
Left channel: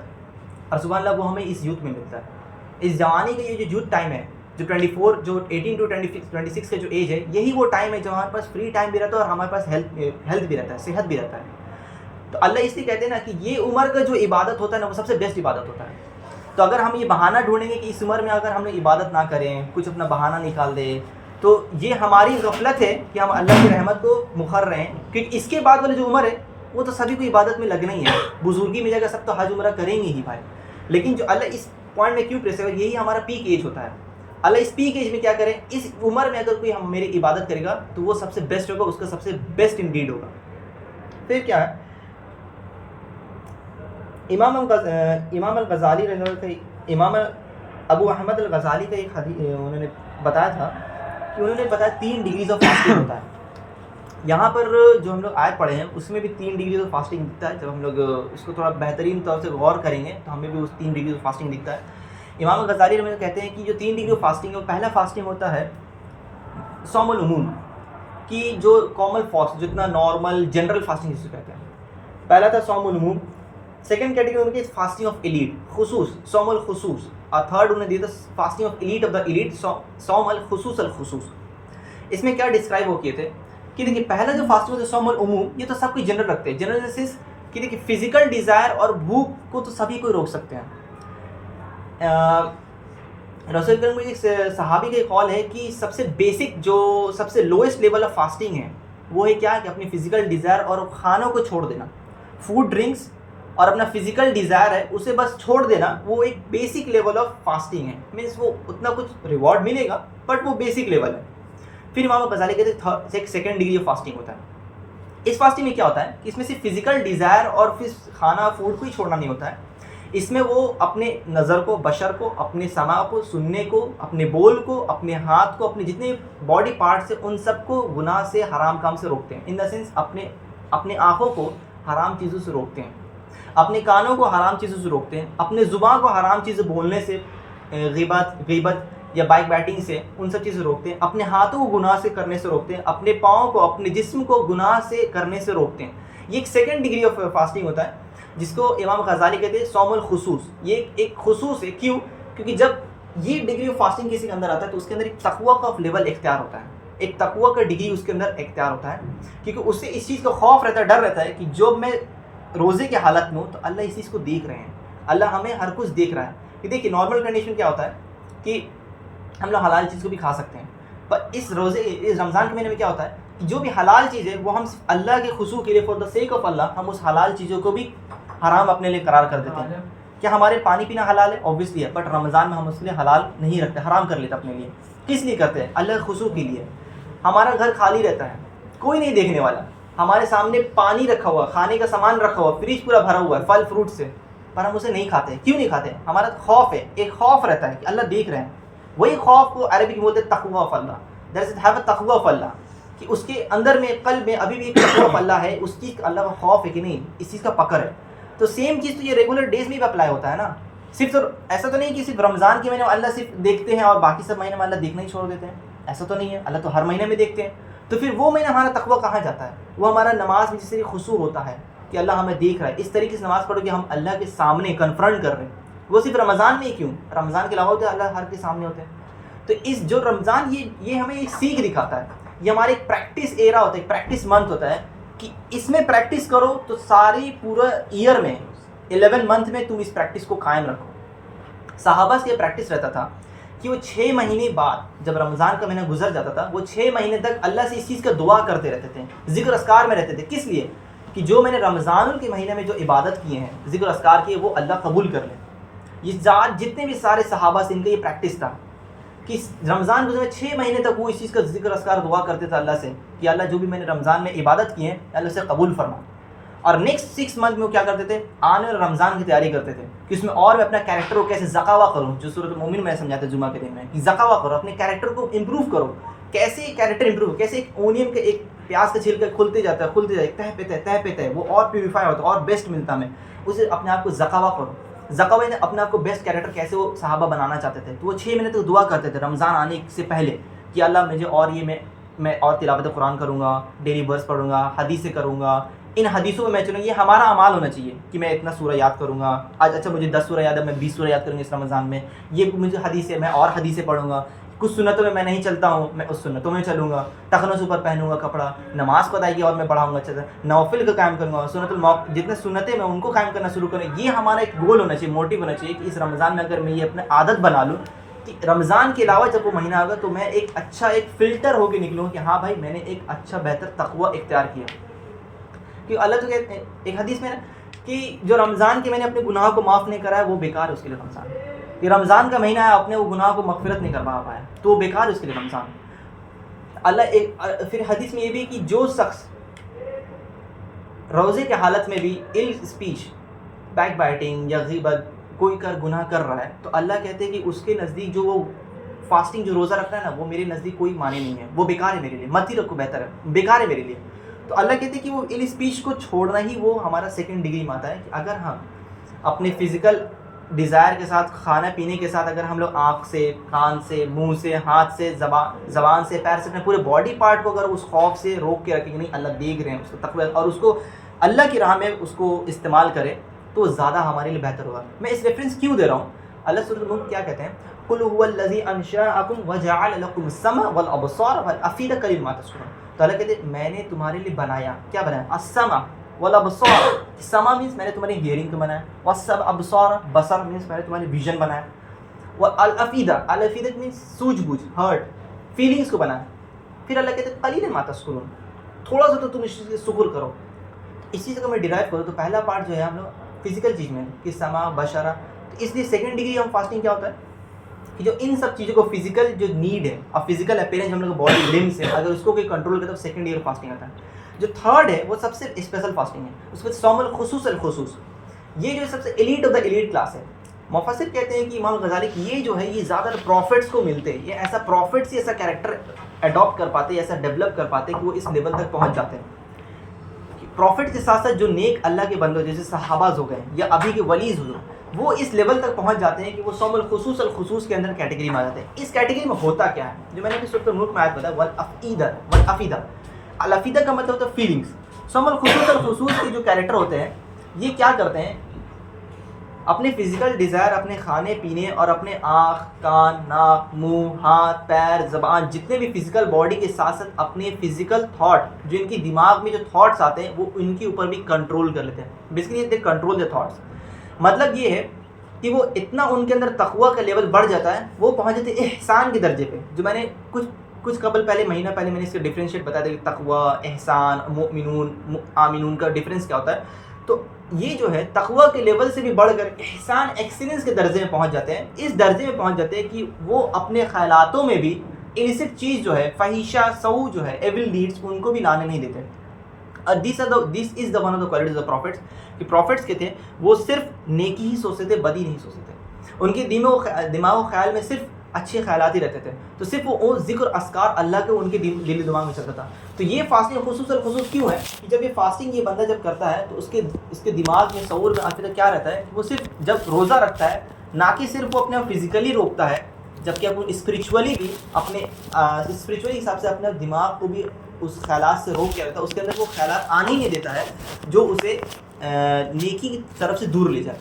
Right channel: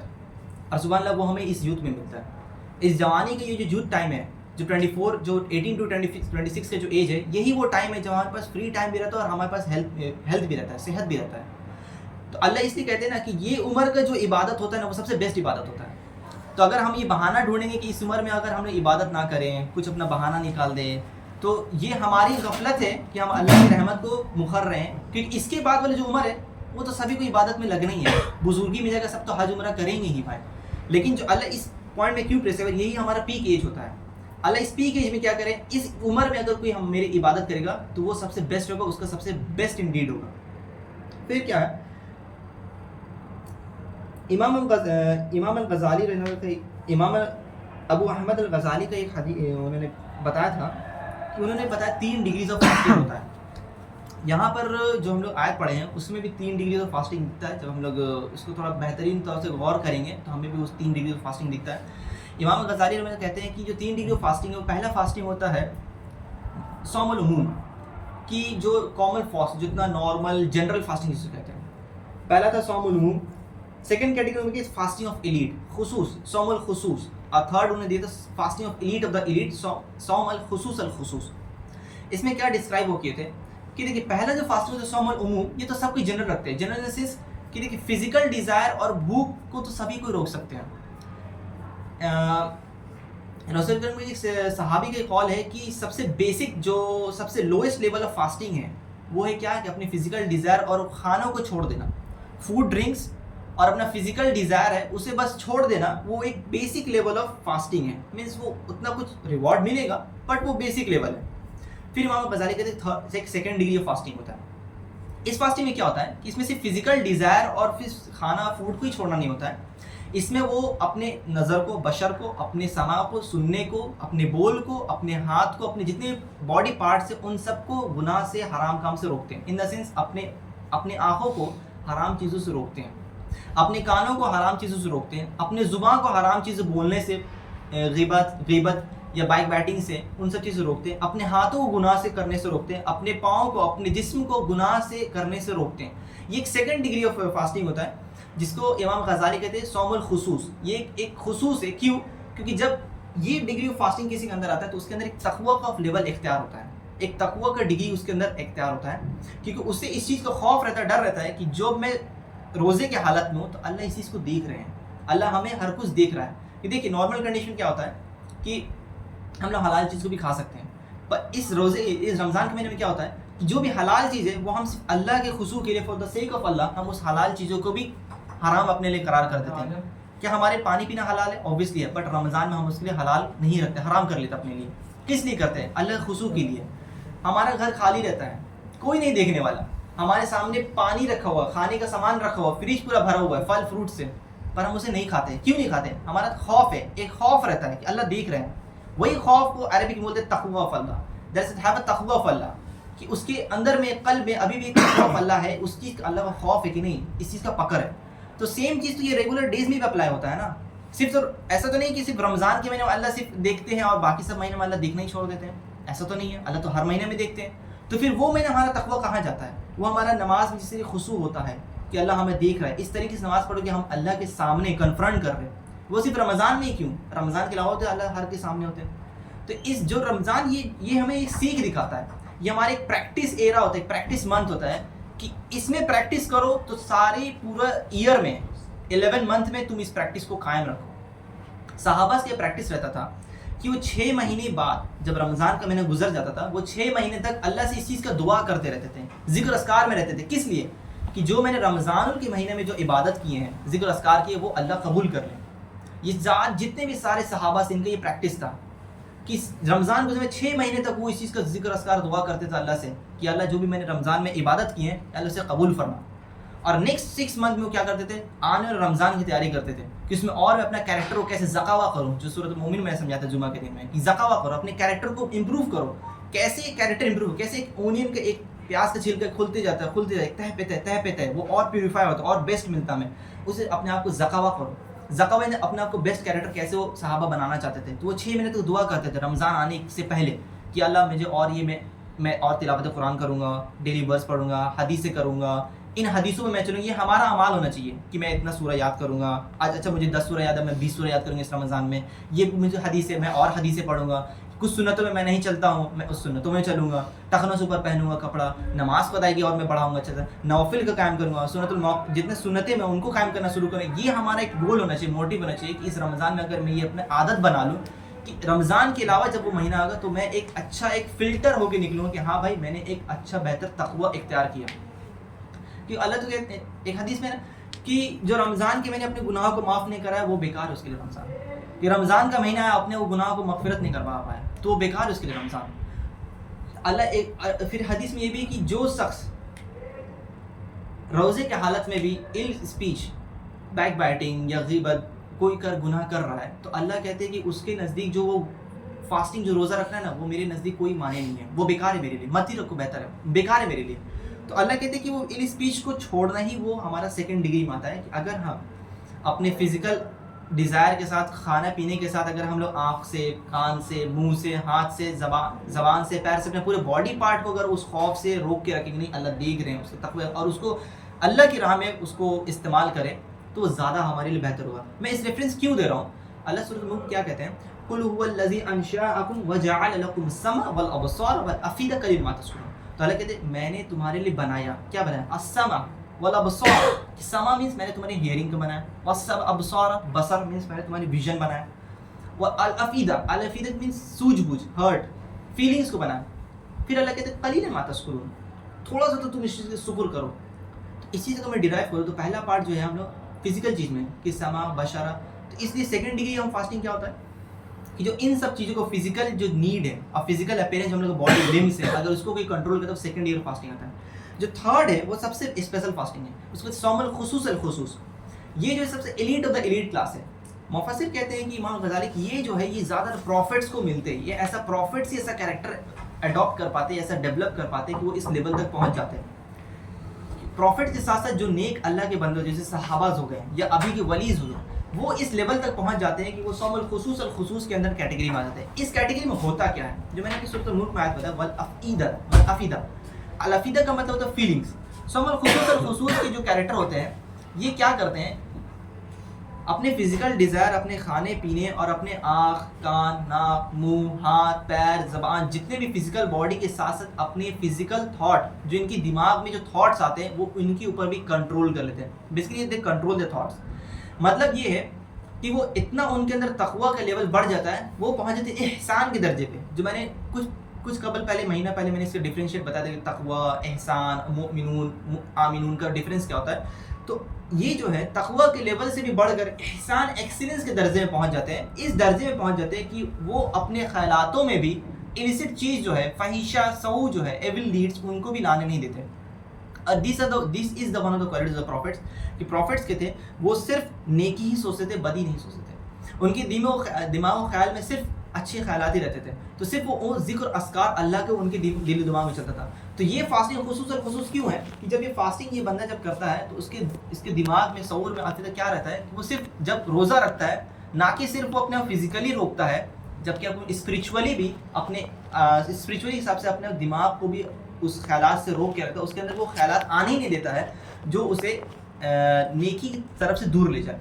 اور سبحان اللہ وہ ہمیں اس یوتھ میں ملتا ہے, اس جوانی کا یہ جو یوتھ ٹائم ہے, جو 24 جو 18 ٹو 26 کا جو ایج ہے, یہی وہ ٹائم ہے جب ہمارے پاس فری ٹائم بھی رہتا ہے اور ہمارے پاس ہیلتھ بھی رہتا ہے, صحت بھی رہتا ہے. تو اللہ اس لیے کہتے ہیں نا کہ یہ عمر کا جو عبادت ہوتا ہے نا وہ سب سے بیسٹ عبادت ہوتا ہے. تو اگر ہم یہ بہانہ ڈھونڈیں گے کہ اس عمر میں اگر ہم نے عبادت نہ کریں, کچھ اپنا بہانہ نکال دیں, تو یہ ہماری غفلت ہے کہ ہم اللہ کی رحمت کو مخر رہے ہیں. کیونکہ اس کے بعد والی جو عمر ہے وہ تو سبھی کو عبادت میں لگنا ہی ہے, بزرگی میں جگہ سب تو حج عمرہ کریں گے ہی بھائی. لیکن جو اللہ اس پوائنٹ میں کیوں پریس ہے, یہی ہمارا پیک ایج ہوتا ہے. اللہ اس پیک ایج میں کیا کرے, اس عمر میں اگر کوئی ہم میری عبادت کرے گا تو وہ سب سے بیسٹ ہوگا, اس کا سب سے بیسٹ انڈیڈ ہوگا. پھر کیا ہے, امام الغزالی امام ابو احمد الغزالی کا ایک حدیث انہوں نے بتایا تھا کہ انہوں نے بتایا 3 ڈگریز آف فاسٹنگ ہوتا ہے. یہاں پر جو ہم لوگ آیت پڑھے ہیں اس میں بھی 3 ڈگریز آف فاسٹنگ دکھتا ہے. جب ہم لوگ اس کو تھوڑا بہترین طور سے غور کریں گے تو ہمیں بھی اس 3 ڈگریز آف فاسٹنگ دکھتا ہے. امام غزالی رحمۃ اللہ کہتے ہیں کہ جو 3 ڈگری آف فاسٹنگ ہے, وہ پہلا فاسٹنگ ہوتا ہے صوم العموم کی, جو کامن فاسٹ جتنا نارمل جنرل فاسٹنگ جسے کہتے ہیں, پہلا تھا صوم العموم. سیکنڈ کیٹیگری میں فاسٹنگ آف ایلیٹ خصوص, صوم الخصوص. اور تھرڈ انہوں نے دیا تھا fasting of elite of the elite, صوم الخصوص الخصوص. اس میں کیا ڈسکرائب ہو کیے تھے کہ دیکھیے پہلا جو فاسٹنگ ہوتا ہے صوم العموم, یہ تو سب کوئی جنرل رکھتے ہیں. جنرل سینس کہ دیکھیے فزیکل ڈیزائر اور بھوک کو تو سبھی کوئی روک سکتے ہیں. رسول کریم ایک صحابی کا قول ہے کہ سب سے بیسک جو سب سے لوئسٹ لیول آف فاسٹنگ ہے وہ ہے کیا, کہ اپنی فزیکل ڈیزائر اور کھانوں کو چھوڑ دینا. فوڈ ڈرنکس اور اپنا فزیکل ڈیزائر ہے اسے بس چھوڑ دینا, وہ ایک بیسک لیول آف فاسٹنگ ہے. مینس وہ اتنا کچھ ریوارڈ ملے گا بٹ وہ بیسک لیول ہے. پھر امام غزالی کہتے ہیں سیکنڈ ڈگری آف فاسٹنگ ہوتا ہے. اس فاسٹنگ میں کیا ہوتا ہے کہ اس میں صرف فزیکل ڈیزائر اور پھر کھانا فوڈ کو ہی چھوڑنا نہیں ہوتا ہے. اس میں وہ اپنے نظر کو, بشر کو, اپنے سماع کو, سننے کو, اپنے بول کو, اپنے ہاتھ کو, اپنے جتنے باڈی پارٹس ہیں ان سب کو گناہ سے, حرام کام سے روکتے ہیں. ان دا سینس اپنے آنکھوں کو حرام چیزوں سے روکتے ہیں, اپنے کانوں کو حرام چیزوں سے روکتے ہیں, اپنے زبان کو حرام چیزیں بولنے سے, غیبت یا بائک بیٹنگ سے, ان سب چیزیں روکتے ہیں. اپنے ہاتھوں کو گناہ سے کرنے سے روکتے ہیں, اپنے پاؤں کو, اپنے جسم کو گناہ سے کرنے سے روکتے ہیں. یہ ایک سیکنڈ ڈگری آف فاسٹنگ ہوتا ہے جس کو امام غزالی کہتے ہیں صوم الخصوص. یہ ایک خصوص ہے. کیوں؟ کیونکہ جب یہ ڈگری آف فاسٹنگ کسی کے اندر آتا ہے تو اس کے اندر ایک تقویٰ کا لیول اختیار ہوتا ہے, ایک تقویٰ کا ڈگری اس کے اندر اختیار ہوتا ہے, کیونکہ اس سے اس چیز کا خوف رہتا ہے, ڈر رہتا ہے کہ جب میں روزے کے حالت میں ہوں تو اللہ اس چیز کو دیکھ رہے ہیں, اللہ ہمیں ہر کچھ دیکھ رہا ہے. کہ دیکھیے نارمل کنڈیشن کیا ہوتا ہے کہ ہم لوگ حلال چیز کو بھی کھا سکتے ہیں, پر اس رمضان کے مہینے میں کیا ہوتا ہے کہ جو بھی حلال چیز ہے وہ ہم صرف اللہ کے خصوص کے لیے, فار دا سیک آف اللہ, ہم اس حلال چیزوں کو بھی حرام اپنے لیے قرار کر دیتے ہیں. کیا ہمارے پانی پینا حلال ہے؟ اوبویسلی ہے, بٹ رمضان میں ہم اس کے لیے حلال نہیں رکھتے, حرام کر لیتے اپنے لیے. کس لیے کرتے ہیں؟ اللہ کے خصوص کے لیے. ہمارا گھر خالی رہتا ہے, کوئی نہیں دیکھنے والا, ہمارے سامنے پانی رکھا ہوا, کھانے کا سامان رکھا ہوا, فریج پورا بھرا ہوا ہے پھل فروٹ سے, پر ہم اسے نہیں کھاتے. کیوں نہیں کھاتے؟ ہمارا خوف ہے, ایک خوف رہتا ہے کہ اللہ دیکھ رہے ہیں. وہی خوف کو عربی میں بولتے ہیں تقویٰ of Allah. That is have a تقویٰ آف اللہ, کہ اس کے اندر میں قلب میں ابھی بھی ایک تقویٰ آف اللہ ہے, اس چیز کا اللہ کا خوف ہے کہ نہیں, اس چیز کا پکڑ ہے. تو سیم چیز تو یہ ریگولر ڈیز میں بھی اپلائی ہوتا ہے نا. صرف ایسا تو نہیں کہ صرف رمضان کے مہینے میں اللہ صرف دیکھتے ہیں اور باقی سب مہینے میں اللہ دیکھنا ہی چھوڑ دیتے ہیں, ایسا تو نہیں ہے. اللہ تو ہر مہینے میں دیکھتے ہیں. تو پھر وہ مہینہ ہمارا تقویٰ کہاں جاتا ہے؟ وہ ہمارا نماز میں جس طرح خشوع ہوتا ہے کہ اللہ ہمیں دیکھ رہا ہے, اس طریقے سے نماز پڑھو کہ ہم اللہ کے سامنے کنفرنٹ کر رہے ہیں. وہ صرف رمضان میں ہی کیوں، رمضان کے علاوہ تو اللہ ہر کے سامنے ہوتے ہیں. تو اس جو رمضان یہ ہمیں ایک سیکھ دکھاتا ہے، یہ ہمارا ایک پریکٹس ایرا ہوتا ہے، ایک پریکٹس منتھ ہوتا ہے کہ اس میں پریکٹس کرو تو ساری پورا ایئر میں 11 منتھ میں تم اس پریکٹس کو قائم رکھو. صحابہ سے یہ پریکٹس رہتا تھا کہ وہ 6 مہینے بعد جب رمضان کا مہینہ گزر جاتا تھا وہ 6 مہینے تک اللہ سے اس چیز کا دعا کرتے رہتے تھے، ذکر اذکار میں رہتے تھے. کس لیے؟ کہ جو میں نے رمضان کے مہینے میں جو عبادت کیے ہیں، ذکر اذکار کیے، وہ اللہ قبول کر لیں. یہ جتنے بھی سارے صحابہ سے ان کا یہ پریکٹس تھا کہ رمضان گزرے 6 مہینے تک وہ اس چیز کا ذکر اذکار دعا کرتے تھے اللہ سے کہ اللہ جو بھی میں نے رمضان میں عبادت کی ہیں اللہ سے قبول فرما. اور نیکسٹ 6 منتھ میں وہ کیا کرتے تھے؟ آنے والے رمضان کی تیاری کرتے تھے کہ اس میں اور میں اپنا کیریکٹر کو کیسے زکاوا کروں، جو سورۃ المومن میں سمجھاتا جمعہ کے دن میں کہ زکاوا کرو، اپنے کیریکٹر کو امپروو کرو. کیسے کیریکٹر امپروو، کیسے ایک اونین کا ایک پیاز کا چھلکا کھلتے جاتا ہے تہ پہ ہے وہ اور پیوریفائی ہوتا ہے اور بیسٹ ملتا ہے، میں اسے اپنے آپ کو زکاوا کرو. زکاوا نے اپنے آپ کو بیسٹ کیریکٹر کیسے وہ صحابہ بنانا چاہتے تھے، تو وہ 6 مہینے تک دعا کرتے تھے رمضان آنے سے پہلے کہ اللہ مجھے اور یہ میں اور تلاوت قرآن کروں گا، ڈیلی ورس پڑھوں گا، حدیثیں کروں گا، ان حدیثوں میں چلوں. یہ ہمارا اعمال ہونا چاہیے کہ میں اتنا سورہ یاد کروں گا آج. اچھا مجھے 10 سورہ یاد ہے، میں 20 سورہ یاد کروں گا اس رمضان میں. یہ مجھے حدیث ہے، میں اور حدیثیں پڑھوں گا. کچھ سنتوں میں نہیں چلتا ہوں، میں اس سنتوں میں چلوں گا. ٹخنوں سے اوپر پہنوں گا کپڑا، نماز کو ادائیگی اور میں بڑھاؤں گا. اچھا نوافل کا قائم کروں گا، جتنے سنتیں میں ان کو قائم کرنا شروع کروں. یہ ہمارا ایک گول ہونا چاہیے، موٹیو ہونا چاہیے کہ اس رمضان میں اگر میں یہ اپنے عادت بنا لوں کہ رمضان کے علاوہ جب وہ مہینہ آگا تو میں ایک اچھا ایک فلٹر ہو کے نکلوں کہ ہاں بھائی میں نے ایک اچھا بہتر تقوی اختیار کیا. کہ اللہ تو کہتے ہیں ایک حدیث میں کہ جو رمضان کے میں نے اپنے گناہوں کو معاف نہیں کرا ہے وہ بیکار ہے اس کے لیے رمضان. کہ رمضان کا مہینہ ہے اپنے وہ گناہ کو مغفرت نہیں کروا پایا تو وہ بیکار ہے اس کے لیے رمضان. اللہ پھر حدیث میں یہ بھی کہ جو شخص روزے کے حالت میں بھی ایل اسپیچ، بیک بائٹنگ یا غیبت کوئی گناہ کر رہا ہے تو اللہ کہتے ہیں کہ اس کے نزدیک جو وہ فاسٹنگ جو روزہ رکھ رہا ہے نا وہ میرے نزدیک کوئی معنی نہیں ہے، وہ بیکار ہے میرے لیے، مت ہی رکھو، بہتر ہے، بیکار ہے میرے لیے. تو اللہ کہتے ہیں کہ وہ ایل اسپیچ کو چھوڑنا ہی وہ ہمارا سیکنڈ ڈگری میں آتا ہے. کہ اگر ہم اپنے فزیکل ڈیزائر کے ساتھ، کھانا پینے کے ساتھ، اگر ہم لوگ آنکھ سے، کان سے، منہ سے، ہاتھ سے، زبان سے، پیر سے، اپنے پورے باڈی پارٹ کو اگر اس خوف سے روک کے رکھیں کہ نہیں اللہ دیکھ رہے ہیں، اس کو تقوی اور اس کو اللہ کی راہ میں اس کو استعمال کرے تو زیادہ ہمارے لیے بہتر ہوگا. میں اس ریفرنس کیوں دے رہا ہوں؟ اللہ سورۃ الملک کیا کہتے ہیں؟ قل هو الذی انشأکم وجعل لکم السمع والابصار والافئدۃ قلیلا ما تشکرون. تو اللہ کہتے ہیں میں نے تمہارے لیے بنایا، کیا بنایا؟ السمع والابصار. سمع مینس میں نے تمہاری ہیئرنگ کو بنایا، والابصار بصر مینس میں نے تمہاری ویژن بنایا، والافئدہ الافئدہ مینس سوجھ بوجھ، ہرٹ، فیلنگس کو بنایا. پھر اللہ کہتے ہیں قلیلا ما تشکرون، تھوڑا سا تو تم اس چیز کا شکر کرو. اس چیز کو میں ڈیرائیو کروں تو پہلا پارٹ جو ہے ہم لوگ فزیکل چیز میں کہ سمع بشرہ، تو اس لیے سیکنڈ ڈگری ہم فاسٹنگ کیا ہوتا ہے کہ جو ان سب چیزوں کو فزیکل جو نیڈ ہے اور فزیکل اپیرنس ہم لوگ باڈی لمس ہے اگر اس کو کوئی کنٹرول کرے تو سیکنڈ ایئر فاسٹنگ آتا ہے. جو تھرڈ ہے وہ سب سے اسپیشل فاسٹنگ ہے، اس کو صوم الخصوص الخصوص. یہ جو سب سے elite of the elite class ہے. مفسر کہتے ہیں کہ امام غزالی کی یہ جو ہے یہ زیادہ تر پروفٹس کو ملتے ہیں، یہ ایسا پروفٹس ہی ایسا کیریکٹر اڈاپٹ کر پاتے، ایسا ڈیولپ کر پاتے کہ وہ اس لیول تک پہنچ جاتے ہیں. پروفٹ کے ساتھ ساتھ جو نیک اللہ کے بندے جیسے صحابہ ہو گئے یا ابھی کے ولیز ہو گئے وہ اس لیول تک پہنچ جاتے ہیں کہ وہ صوم الخصوص الخصوص کے اندر کیٹیگری میں آ جاتے ہیں. اس کیٹیگری میں ہوتا کیا ہے جو میں نے سورۃ الملک میں آیت بتایا والافئدہ. الافئدہ کا مطلب ہوتا ہے فیلنگس. صوم الخصوص الخصوص کے جو کیریکٹر ہوتے ہیں یہ کیا کرتے ہیں؟ اپنے فزیکل ڈیزائر، اپنے کھانے پینے اور اپنے آنکھ، کان، ناک، منہ، ہاتھ، پیر، زبان، جتنے بھی فزیکل باڈی کے ساتھ ساتھ اپنے فزیکل تھاٹ جو ان کی دماغ میں جو تھاٹس آتے ہیں وہ ان کے اوپر بھی کنٹرول کر لیتے ہیں. Basically they control the thoughts. مطلب یہ ہے کہ وہ اتنا ان کے اندر تقوی کا لیول بڑھ جاتا ہے، وہ پہنچ جاتے ہیں احسان کے درجے پہ. جو میں نے کچھ مہینہ پہلے میں نے اس کا ڈفرینشیٹ بتا دیا کہ تقوی، احسان، مؤمنون، آمنون کا ڈفرینس کیا ہوتا ہے. تو یہ جو ہے تقوی کے لیول سے بھی بڑھ کر احسان، ایکسیلنس کے درجے میں پہنچ جاتے ہیں. اس درجے میں پہنچ جاتے ہیں کہ وہ اپنے خیالاتوں میں بھی illicit چیز جو ہے، فحیشہ، سو جو ہے، ایول ڈیڈس، ان کو بھی لانے نہیں دیتے. This is the one of the qualities of prophets. کہ پروفٹس کے تھے وہ صرف نیکی ہی سوچتے تھے، بدی نہیں سوچتے تھے. ان کے دماغ و خیال میں صرف اچھے خیالات ہی رہتے تھے. تو صرف وہ ذکر اذکار اللہ کے ان کے دل دماغ میں چلتا تھا. تو یہ فاسٹنگ خصوص کیوں ہے کہ جب یہ فاسٹنگ یہ بندہ جب کرتا ہے تو اس کے دماغ میں شعور میں آخر کیا رہتا ہے کہ وہ صرف جب روزہ رکھتا ہے نہ کہ صرف وہ اپنے فزیکلی روکتا ہے جبکہ وہ اسپریچولی بھی اپنے اسپریچولی حساب سے اپنے دماغ کو بھی اس خیالات سے روک کے رکھتا ہے. اس کے اندر وہ خیالات آنے ہی نہیں دیتا ہے جو اسے نیکی کی طرف سے دور لے جائے.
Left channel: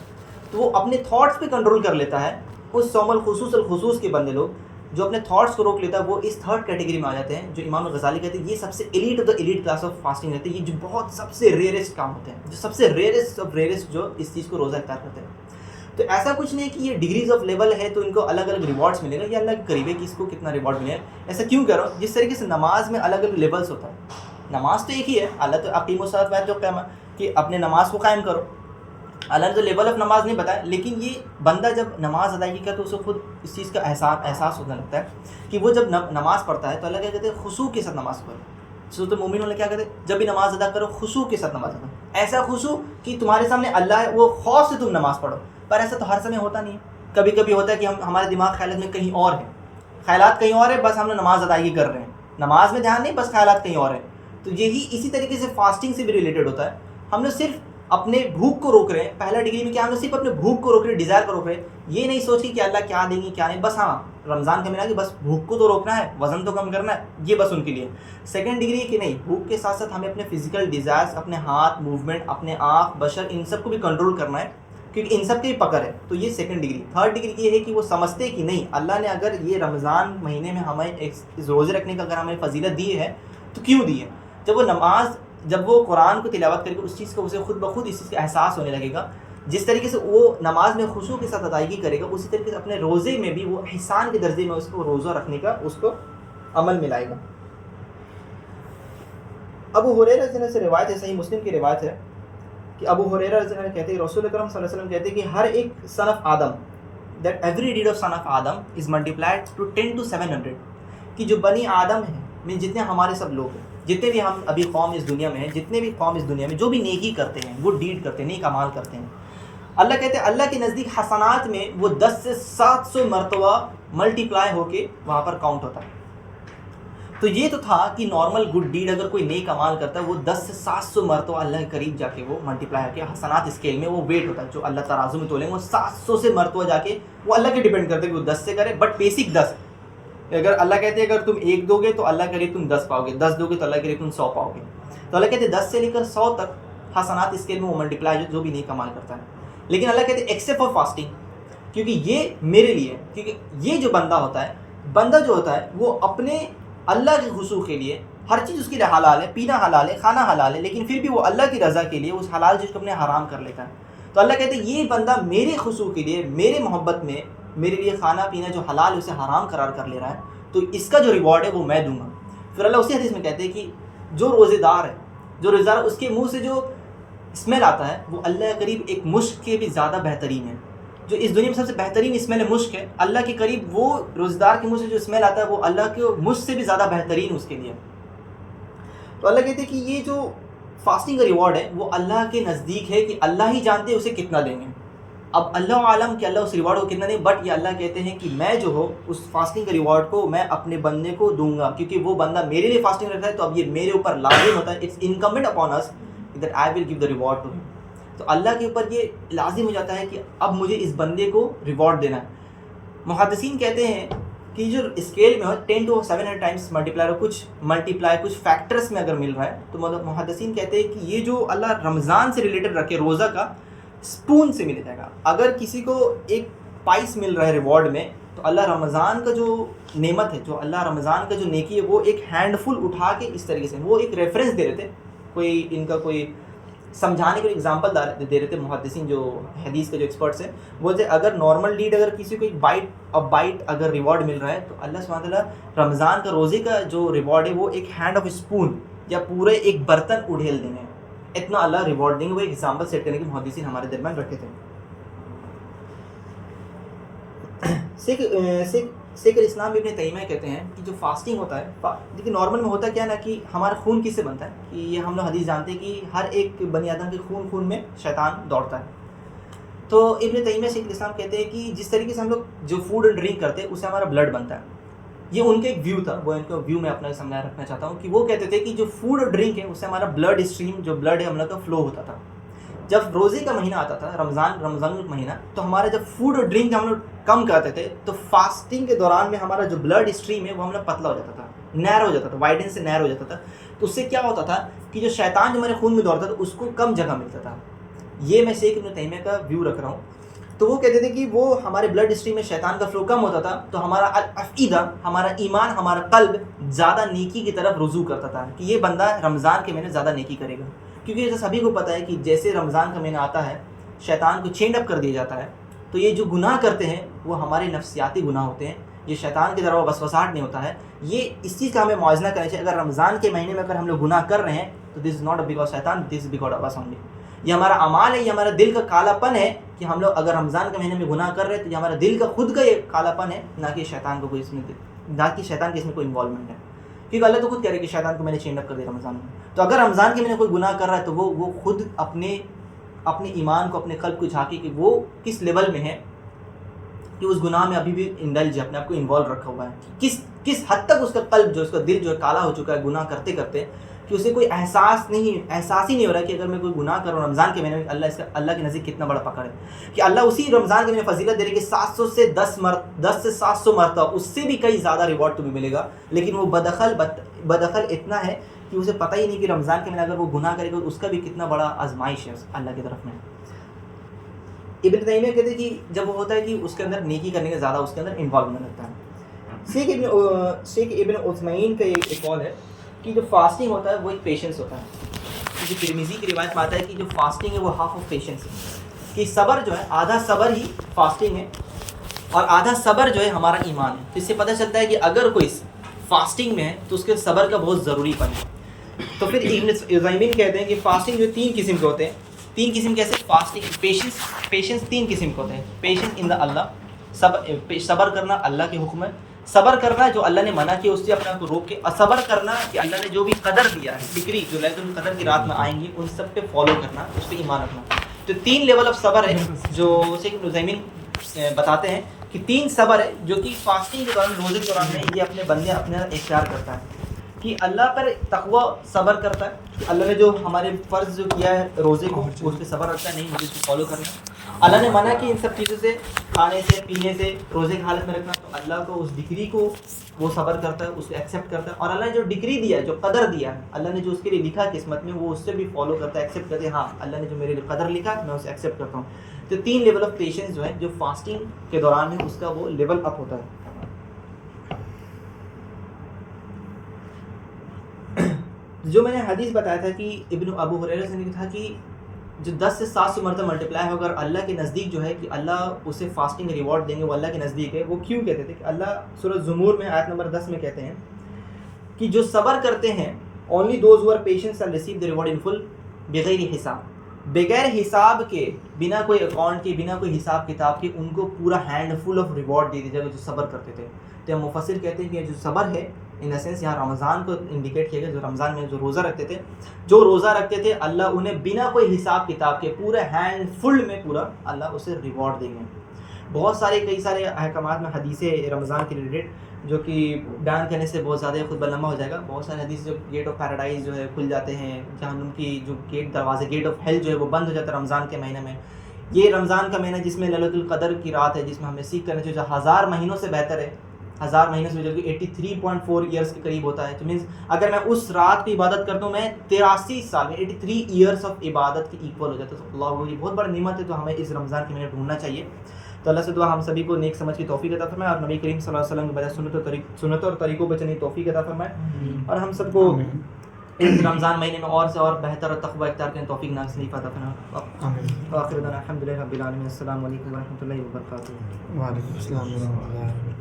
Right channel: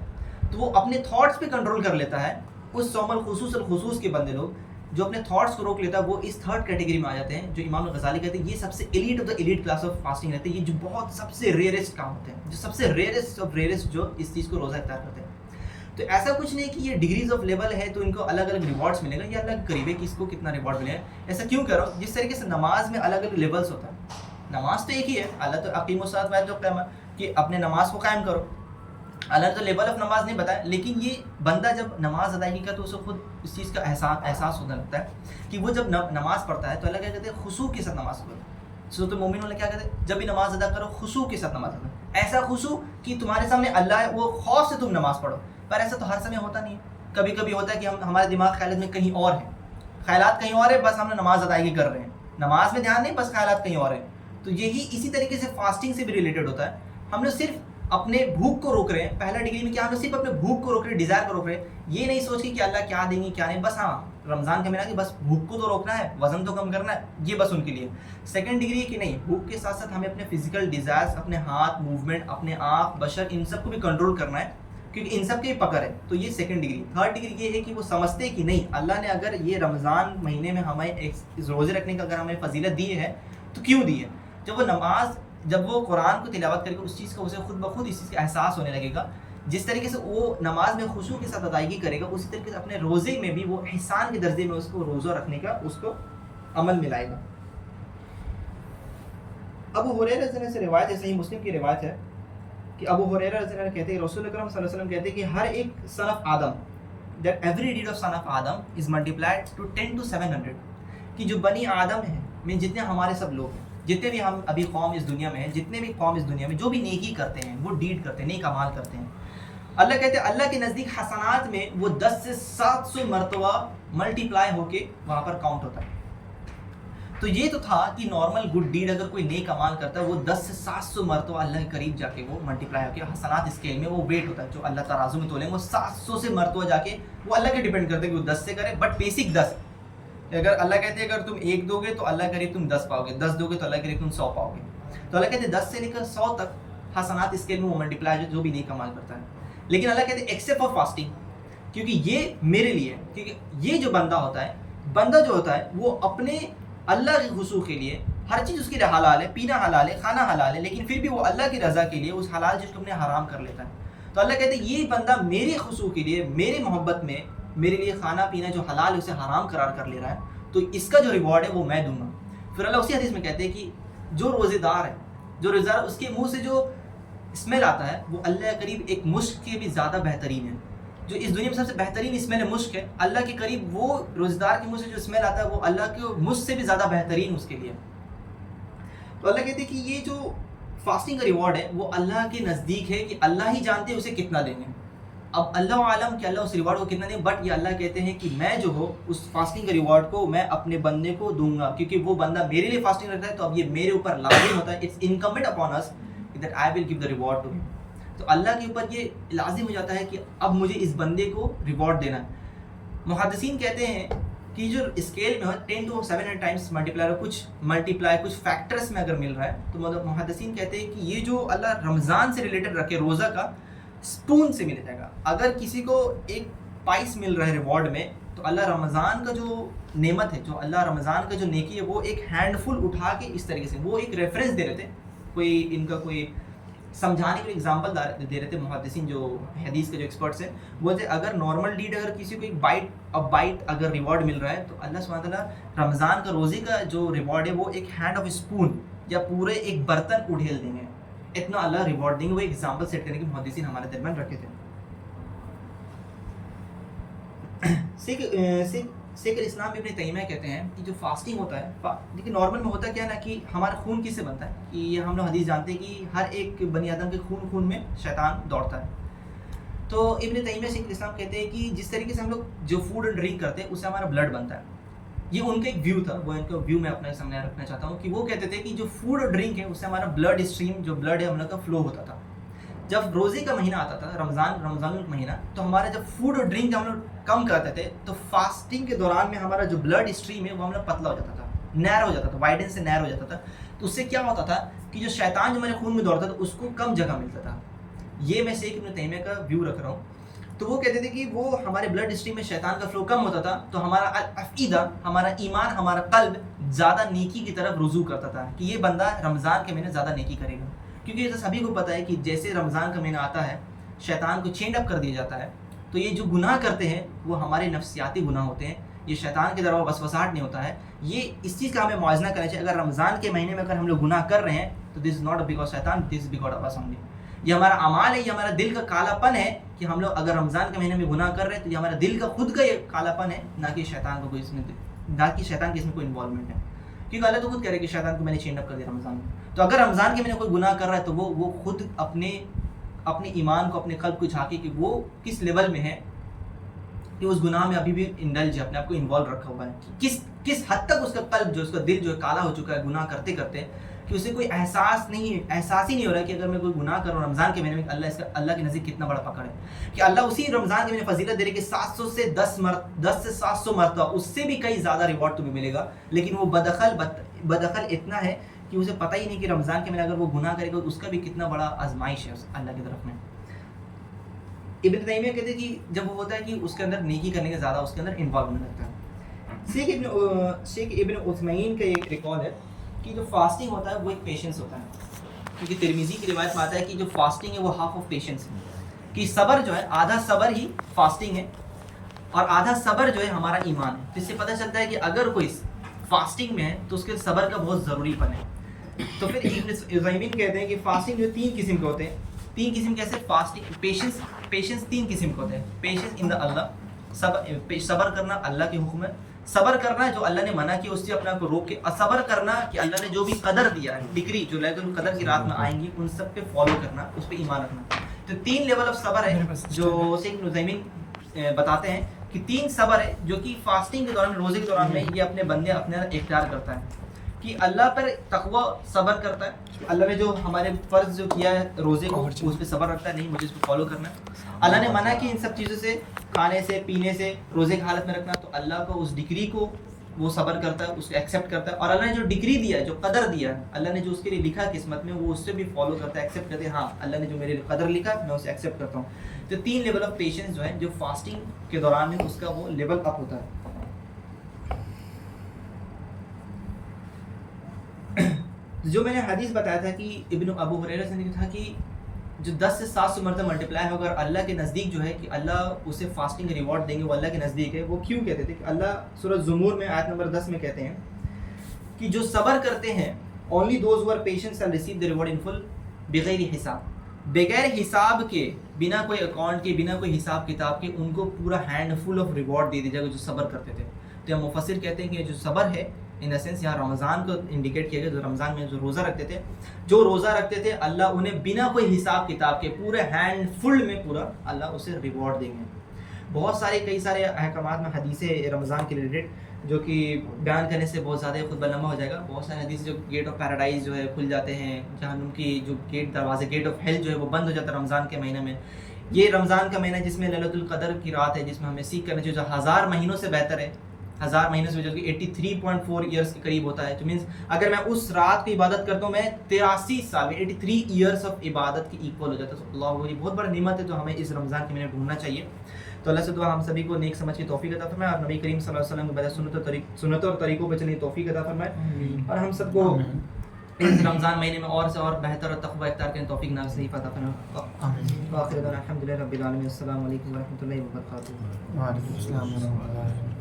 تو وہ اپنے تھاٹس پہ کنٹرول کر لیتا ہے. اس سوم الخصوص کے بندے لوگ جو اپنے تھاٹس کو روک لیتا ہے وہ اس تھرڈ کیٹیگری میں آ جاتے ہیں, جو امام الغزالی کہتے ہیں یہ سب سے elite of the elite class of fasting رہتے ہیں, یہ جو بہت سب سے ریئرسٹ کام ہوتے ہیں, جو سب سے ریئرسٹ آف ریئرسٹ جو اس چیز کو روزہ افطار کرتے ہیں. تو ایسا کچھ نہیں کہ یہ ڈگریز آف لیول ہے تو ان کو الگ الگ ریوارڈس ملے گا, یہ اللہ کے قریب ہے کہ اس کو کتنا ریوارڈ ملے گا. ایسا کیوں کہہ رہا ہوں, جس طریقے سے نماز میں الگ الگ لیولس ہوتا ہے. نماز تو ایک ہی ہے, اللہ تو اقیم الصلاۃ واتو الصلاۃ کہ اپنے نماز کو قائم کرو, اللہ تو لیول آف نماز نہیں بتایا. لیکن یہ بندہ جب نماز ادائیگی کا تو اسے خود اس چیز کا احساس ہونے لگتا ہے کہ وہ جب نماز پڑھتا ہے تو اللہ کیا کہتے ہیں خشوع کے ساتھ نماز پڑھو. سورۃ المومنون اللہ کیا کہتے ہیں, جب بھی نماز ادا کرو خشوع کے ساتھ نماز پڑھو. ایسا خشوع کہ تمہارے سامنے اللہ ہے, وہ خوف سے تم نماز پڑھو. پر ایسا تو ہر سمے ہوتا نہیں ہے. کبھی کبھی ہوتا ہے کہ ہمارے دماغ خیالات میں کہیں اور ہیں, خیالات کہیں اور ہے, بس ہم نے نماز ادائیگی کر رہے ہیں, نماز میں دھیان نہیں, بس خیالات کہیں اور ہیں. تو یہی اسی طریقے سے فاسٹنگ سے بھی ریلیٹڈ ہوتا ہے. ہم نے صرف اپنے بھوک کو روک رہے ہیں. پہلا ڈگری میں کیا ہم نے صرف اپنے بھوک کو روک رہے ہیں, ڈیزائر کو روک رہے ہیں. یہ نہیں سوچ کہ اللہ کیا دیں گے کیا نہیں, بس ہاں رمضان کا مہینہ کہ بس بھوک کو تو روکنا ہے, وزن تو کم کرنا ہے, یہ بس ان کے لیے. سیکنڈ ڈگری کہ نہیں, بھوک کے ساتھ ساتھ ہمیں اپنے فزیکل ڈیزائرس, اپنے ہاتھ موومنٹ, اپنے آنکھ بشر, ان سب کو بھی کنٹرول کرنا ہے کیونکہ ان سب کی پکڑ ہے. تو یہ سیکنڈ ڈگری. تھرڈ ڈگری یہ ہے کہ وہ سمجھتے کہ نہیں اللہ نے اگر یہ رمضان مہینے میں ہمیں روزے رکھنے کا اگر ہمیں فضیلت دی ہے تو کیوں دی ہے. جب وہ قرآن کو تلاوت کرے گا اس چیز کو اسے خود بخود اس چیز کا احساس ہونے لگے گا. جس طریقے سے وہ نماز میں خشوع کے ساتھ ادائیگی کرے گا اسی طریقے سے اپنے روزے میں بھی وہ احسان کے درجے میں اس کو روزہ رکھنے کا اس کو عمل ملائے گا. ابو ہریرہ رضی اللہ عنہ سے روایت ہے, صحیح مسلم کی روایت ہے کہ ابو ہریرہ رضی اللہ عنہ کہتے ہیں رسول اکرم صلی اللہ علیہ وسلم کہتے ہیں کہ ہر ایک son of Adam, that every deed of son of Adam is multiplied to 10 to 700, کہ جو بنی آدم ہیں میں جتنے ہمارے سب لوگ ہیں, جتنے بھی ہم ابھی قوم اس دنیا میں ہیں, جتنے بھی قوم اس دنیا میں جو بھی نیکی کرتے ہیں, گڈ ڈیڈ کرتے ہیں, نیک اعمال کرتے ہیں, اللہ کہتے ہیں اللہ کے نزدیک حسنات میں وہ 10 سے 700 مرتبہ ملٹیپلائی ہو کے وہاں پر کاؤنٹ ہوتا ہے. تو یہ تو تھا کہ نارمل گڈ ڈیڈ اگر کوئی نیک اعمال کرتا ہے وہ 10 سے 700 مرتبہ اللہ کے قریب جا کے وہ ملٹیپلائی ہو کے حسنات اسکیل میں وہ ویٹ ہوتا ہے جو اللہ ترازو میں تولیں گے, وہ 700 سے مرتبہ جا کے وہ اللہ کے ڈیپینڈ کرتے ہیں کہ وہ 10 سے کرے, بٹ بیسک 10. اگر اللہ کہتے ہیں اگر تم 1 دو گے تو اللہ کے قریب تم 10 پاؤ گے, 10 دو گے تو اللہ کے قریب تم 100 پاؤ گے. تو اللہ کہتے ہیں 10 سے لے کر 100 تک حسنات اسکیل میں وہ ملٹیپلائی جو بھی نیک عمل کرتا ہے. لیکن اللہ کہتے ہیں ایکسیپٹ فار فاسٹنگ, کیونکہ یہ میرے لیے ہے, کیونکہ یہ جو بندہ ہوتا ہے وہ اپنے اللہ کے خشوع کے لیے ہر چیز اس کی حلال ہے, پینا حلال ہے, کھانا حلال ہے, لیکن پھر بھی وہ اللہ کی رضا کے لیے اس حلال چیز کو اپنے حرام کر لیتا ہے. تو اللہ کہتے ہیں یہ بندہ میرے خشوع کے لیے, میرے محبت میں میرے لیے کھانا پینا جو حلال ہے اسے حرام قرار کر لے رہا ہے, تو اس کا جو ریوارڈ ہے وہ میں دوں گا. پھر اللہ اسی حدیث میں کہتے ہیں کہ جو روزے دار ہے اس کے منہ سے جو اسمیل آتا ہے وہ اللہ کے قریب ایک مشک کے بھی زیادہ بہترین ہے. جو اس دنیا میں سب سے بہترین اسمیل مشک ہے, اللہ کے قریب وہ روزے دار کے منہ سے جو اسمیل آتا ہے وہ اللہ کے مشک سے بھی زیادہ بہترین اس کے لیے. تو اللہ کہتے ہیں کہ یہ جو فاسٹنگ کا ریوارڈ ہے وہ اللہ کے نزدیک ہے کہ اللہ ہی جانتے ہیں اسے کتنا دیں گے. اب اللہ عالم کہ اللہ اس ریوارڈ کو کتنا دیں, بٹ یہ اللہ کہتے ہیں کہ میں جو ہو اس فاسٹنگ کے ریوارڈ کو میں اپنے بندے کو دوں گا, کیونکہ وہ بندہ میرے لیے فاسٹنگ رکھتا ہے تو اب یہ میرے اوپر لازم ہوتا ہے, it's incumbent upon us that I will give the reward to him. تو اللہ کے اوپر یہ لازم ہو جاتا ہے کہ اب مجھے اس بندے کو ریوارڈ دینا ہے. محدثین کہتے ہیں کہ جو اسکیل میں ہو 10 to 700 ٹائمس ملٹیپلائی ہو, کچھ فیکٹرس میں اگر مل رہا ہے تو محدثین کہتے ہیں کہ یہ جو اللہ رمضان سے ریلیٹڈ رکھے روزہ کا سپون سے مل جائے گا. اگر کسی کو ایک پائس مل رہا ہے ریوارڈ میں تو اللہ رمضان کا جو نعمت ہے, جو اللہ رمضان کا جو نیکی ہے وہ ایک ہینڈ فل اٹھا کے اس طریقے سے وہ ایک ریفرنس دے رہے تھے, کوئی ان کا کوئی سمجھانے کو ایگزامپل دے رہے تھے محدثین جو حدیث کے جو ایکسپرٹس ہیں. بولتے اگر نارمل ڈیڈ اگر کسی کو ایک بائٹ اگر ریوارڈ مل رہا ہے تو اللہ سبحانہ تعالیٰ رمضان کا روزے کا جو ریوارڈ ہے وہ ایک ہینڈ آف اسپون یا پورے ایک برتن اڑھیل دیں گے, اتنا اللہ ریوارڈ دیں گے. وہ ایک ایگزامپل سیٹ کرنے کے محدثین ہمارے درمیان رکھے تھے. شیخ الاسلام ابن تیمیہ کہتے ہیں کہ جو فاسٹنگ ہوتا ہے, لیکن نارمل میں ہوتا کیا ہے نا کہ ہمارا خون کس سے بنتا ہے, کہ یہ ہم لوگ حدیث جانتے ہیں کہ ہر ایک بنی آدم کے خون میں شیطان دوڑتا ہے. تو ابن تیمیہ شیخ الاسلام کہتے ہیں کہ جس طریقے سے ہم لوگ جو فوڈ اور ڈرنک کرتے ہیں اس سے ہمارا بلڈ بنتا ہے. یہ ان کا ایک ویو تھا, وہ ان کا ویو میں اپنے سامنے رکھنا چاہتا ہوں کہ وہ کہتے تھے کہ جو فوڈ اور ڈرنک ہے اس سے ہمارا بلڈ اسٹریم جو بلڈ ہے ہم لوگ کا فلو ہوتا تھا. جب روزے کا مہینہ آتا تھا رمضان کا مہینہ, تو ہمارا جب فوڈ اور ڈرنک ہم لوگ کم کرتے تھے تو فاسٹنگ کے دوران میں ہمارا جو بلڈ اسٹریم ہے وہ ہم لوگ پتلا ہو جاتا تھا, نیرو ہو جاتا تھا, وائڈن سے نیرو ہو جاتا تھا. تو اس سے کیا ہوتا تھا کہ جو شیطان جو ہمارے خون میں دوڑتا تھا اس کو کم جگہ ملتا تھا. یہ میں شیخ ابن تیمیہ کا ویو رکھ رہا ہوں. تو وہ کہتے تھے کہ وہ ہمارے بلڈ اسٹریم میں شیطان کا فلو کم ہوتا تھا تو ہمارا الافئدہ، ہمارا ایمان، ہمارا قلب زیادہ نیکی کی طرف رجوع کرتا تھا کہ یہ بندہ رمضان کے مہینے زیادہ نیکی کرے گا. کیونکہ یہ تو سبھی کو پتہ ہے کہ جیسے رمضان کا مہینہ آتا ہے شیطان کو چینڈ اپ کر دیا جاتا ہے. تو یہ جو گناہ کرتے ہیں وہ ہمارے نفسیاتی گناہ ہوتے ہیں، یہ شیطان کی طرف وسوسات نہیں ہوتا ہے. یہ اس چیز کا ہمیں موازنہ کرنا چاہیے. اگر رمضان کے مہینے میں اگر ہم لوگ گناہ کر رہے ہیں تو دس از ناٹ بیکاز شیطان، دس از بیکاز آف اس اونلی. یہ ہمارا اعمال ہے، یہ ہمارا دل کا کالا پن ہے کہ ہم لوگ اگر رمضان کے مہینے میں گناہ کر رہے ہیں تو یہ ہمارا دل کا خود کا یہ کالا پن ہے، نہ کہ شیطان کو کوئی اس میں، نہ کہ شیطان کے اس میں کوئی انوالومنٹ ہے. کیونکہ اللہ تو خود کہہ رہے کہ شیطان کو میں نے چینج اپ کر دیا رمضان میں. تو اگر رمضان کے مہینے کوئی گناہ کر رہا ہے تو وہ خود اپنے ایمان کو، اپنے قلب کو جھانکے کہ وہ کس لیول میں ہے کہ اس گناہ میں ابھی بھی انڈلج ہے، اپنے آپ کو انوالو رکھا ہوا ہے. کس حد تک اس کا قلب جو، اس کا دل جو ہے کالا ہو چکا ہے گناہ کرتے کرتے کہ اسے کوئی احساس ہی نہیں ہو رہا ہے کہ اگر میں کوئی گناہ کروں رمضان کے مہینے میں اللہ کے نزدیک کتنا بڑا پکڑ ہے. کہ اللہ اسی رمضان کے مہینے فضیلت دے رہے کہ 700 سے 10 سے 700 مرتبہ، اس سے بھی کئی زیادہ ریوارڈ تمہیں ملے گا. لیکن وہ بدخل اتنا ہے کہ اسے پتہ ہی نہیں کہ رمضان کے مہینے اگر وہ گناہ کرے گا اس کا بھی کتنا بڑا آزمائش ہے اللہ کی طرف میں. ابن تیمیہ کہتے ہیں کہ جب وہ ہوتا ہے کہ اس کے اندر نیکی کرنے کے زیادہ اس کے اندر انوالومنٹ لگتا ہے. شیخ ابن عثمین کا ایک قول ہے کہ جو فاسٹنگ ہوتا ہے وہ ایک پیشنس ہوتا ہے. کیونکہ ترمذی کی روایت میں آتا ہے کہ جو فاسٹنگ ہے وہ ہاف آف پیشنس ہے. کہ صبر جو ہے، آدھا صبر ہی فاسٹنگ ہے اور آدھا صبر جو ہے ہمارا ایمان ہے. تو اس سے پتہ چلتا ہے کہ اگر کوئی فاسٹنگ میں ہے تو اس کے صبر کا بہت ضروری پن ہے. تو پھر ابن عثیمین کہتے ہیں کہ فاسٹنگ جو 3 قسم کے ہوتے ہیں. 3 قسم کیسے؟ فاسٹنگ پیشنس 3 قسم کے ہوتے ہیں. پیشنس ان دا اللہ، صبر کرنا اللہ کے حکم ہے. صبر کرنا جو اللہ نے منع کیا اس سے اپنے آپ کو روک کے، اور صبر کرنا کہ اللہ نے جو بھی قدر دیا ہے، ڈگری جو لیلۃ القدر کی رات میں آئیں گی ان سب پہ فالو کرنا، اس پہ ایمان رکھنا. تو 3 لیول آف صبر ہے جو شیخ ابن عثیمین بتاتے ہیں کہ 3 صبر ہے جو کہ فاسٹنگ کے دوران، روزے کے دوران میں یہ اپنے بندے اپنے اختیار کرتا ہے. کہ اللہ پر تقوی صبر کرتا ہے کہ اللہ نے جو ہمارے فرض جو کیا ہے روزے کو اس پہ صبر رکھتا ہے، نہیں مجھے اس کو فالو کرنا ہے. اللہ نے منع کی ان سب چیزوں سے، کھانے سے، پینے سے، روزے کی حالت میں رکھنا، تو اللہ کو اس ڈگری کو وہ صبر کرتا ہے، اس کو ایکسیپٹ کرتا ہے. اور اللہ نے جو ڈگری دیا ہے، جو قدر دیا ہے، اللہ نے جو اس کے لیے لکھا قسمت میں، وہ اس سے بھی فالو کرتا ہے، ایکسیپٹ کرتا ہے. ہاں اللہ نے جو میرے لیے قدر لکھا میں اسے ایکسیپٹ کرتا ہوں. تو 3 لیول آف پیشنس جو ہے جو فاسٹنگ کے دوران ہے اس کا وہ لیول اپ ہوتا ہے. جو میں نے حدیث بتایا تھا کہ ابن ابو ہریرہ سے نے کہا کہ جو 10 سے 700 مرتبہ ملٹیپلائی ہوگا اللہ کے نزدیک جو ہے کہ اللہ اسے فاسٹنگ ریوارڈ دیں گے، وہ اللہ کے نزدیک ہے. وہ کیوں کہتے تھے کہ اللہ سورۃ زمور میں آیت نمبر 10 میں کہتے ہیں کہ جو صبر کرتے ہیں only those who are patient shall receive the reward in full بغیر حساب. بغیر حساب کے، بنا کوئی اکاؤنٹ کے، بنا کوئی حساب کتاب کے ان کو پورا ہینڈ فل آف ریوارڈ دے دیا جائے گا جو صبر کرتے تھے. تو مفسر کہتے ہیں کہ جو صبر ہے ان دا سینس یہاں رمضان کو انڈیکیٹ کیا گیا. جو رمضان میں جو روزہ رکھتے تھے اللہ انہیں بنا کوئی حساب کتاب کے پورے ہینڈ فل میں پورا اللہ اسے ریوارڈ دیں گے. بہت سارے کئی سارے احکامات میں حدیثیں رمضان کے ریلیٹڈ جو کہ بیان کرنے سے بہت زیادہ خود لمبا ہو جائے گا. بہت سارے حدیث جو گیٹ آف پیراڈائز جو ہے کھل جاتے ہیں، جہنم کی جو دروازے گیٹ آف ہیل جو ہے وہ بند ہو جاتا ہے رمضان کے مہینے میں. یہ رمضان کا مہینہ جس میں لیلۃ القدر کی رات ہے، جس میں ہمیں سیکھ کرنا چاہیے، جو 1000 مہینوں سے بہتر ہے. 1000 مہینوں سے جو کہ 83.4 ایئرس کے قریب ہوتا ہے. تو مینس اگر میں اس رات کی عبادت کرتا ہوں میں 83 سال میں 83 ایئرس آف عبادت کے ایکول ہو جاتا ہے. تو اللہ یہ بہت بڑا نعمت ہے، تو ہمیں اس رمضان کے مہینے ڈھونڈنا چاہیے. تو اللہ سے دعا ہم سبھی کو نیک سمجھ کی توفیق عطا فرمائے اور نبی کریم صلی اللہ علیہ وسلم کے بجائے سنتوں اور طریقوں پہ چلنے کی توفیق عطا فرمائے، اور ہم سب کو اس رمضان مہینے میں اور سے اور بہتر اور تقوی اختیار کرنے توفیق نصیب عطا فرمائے. آخر دعوانا الحمدللہ رب العالمین. السلام علیکم ورحمۃ اللہ وبرکاتہ. وعلیکم السلام ورحمۃ اللہ.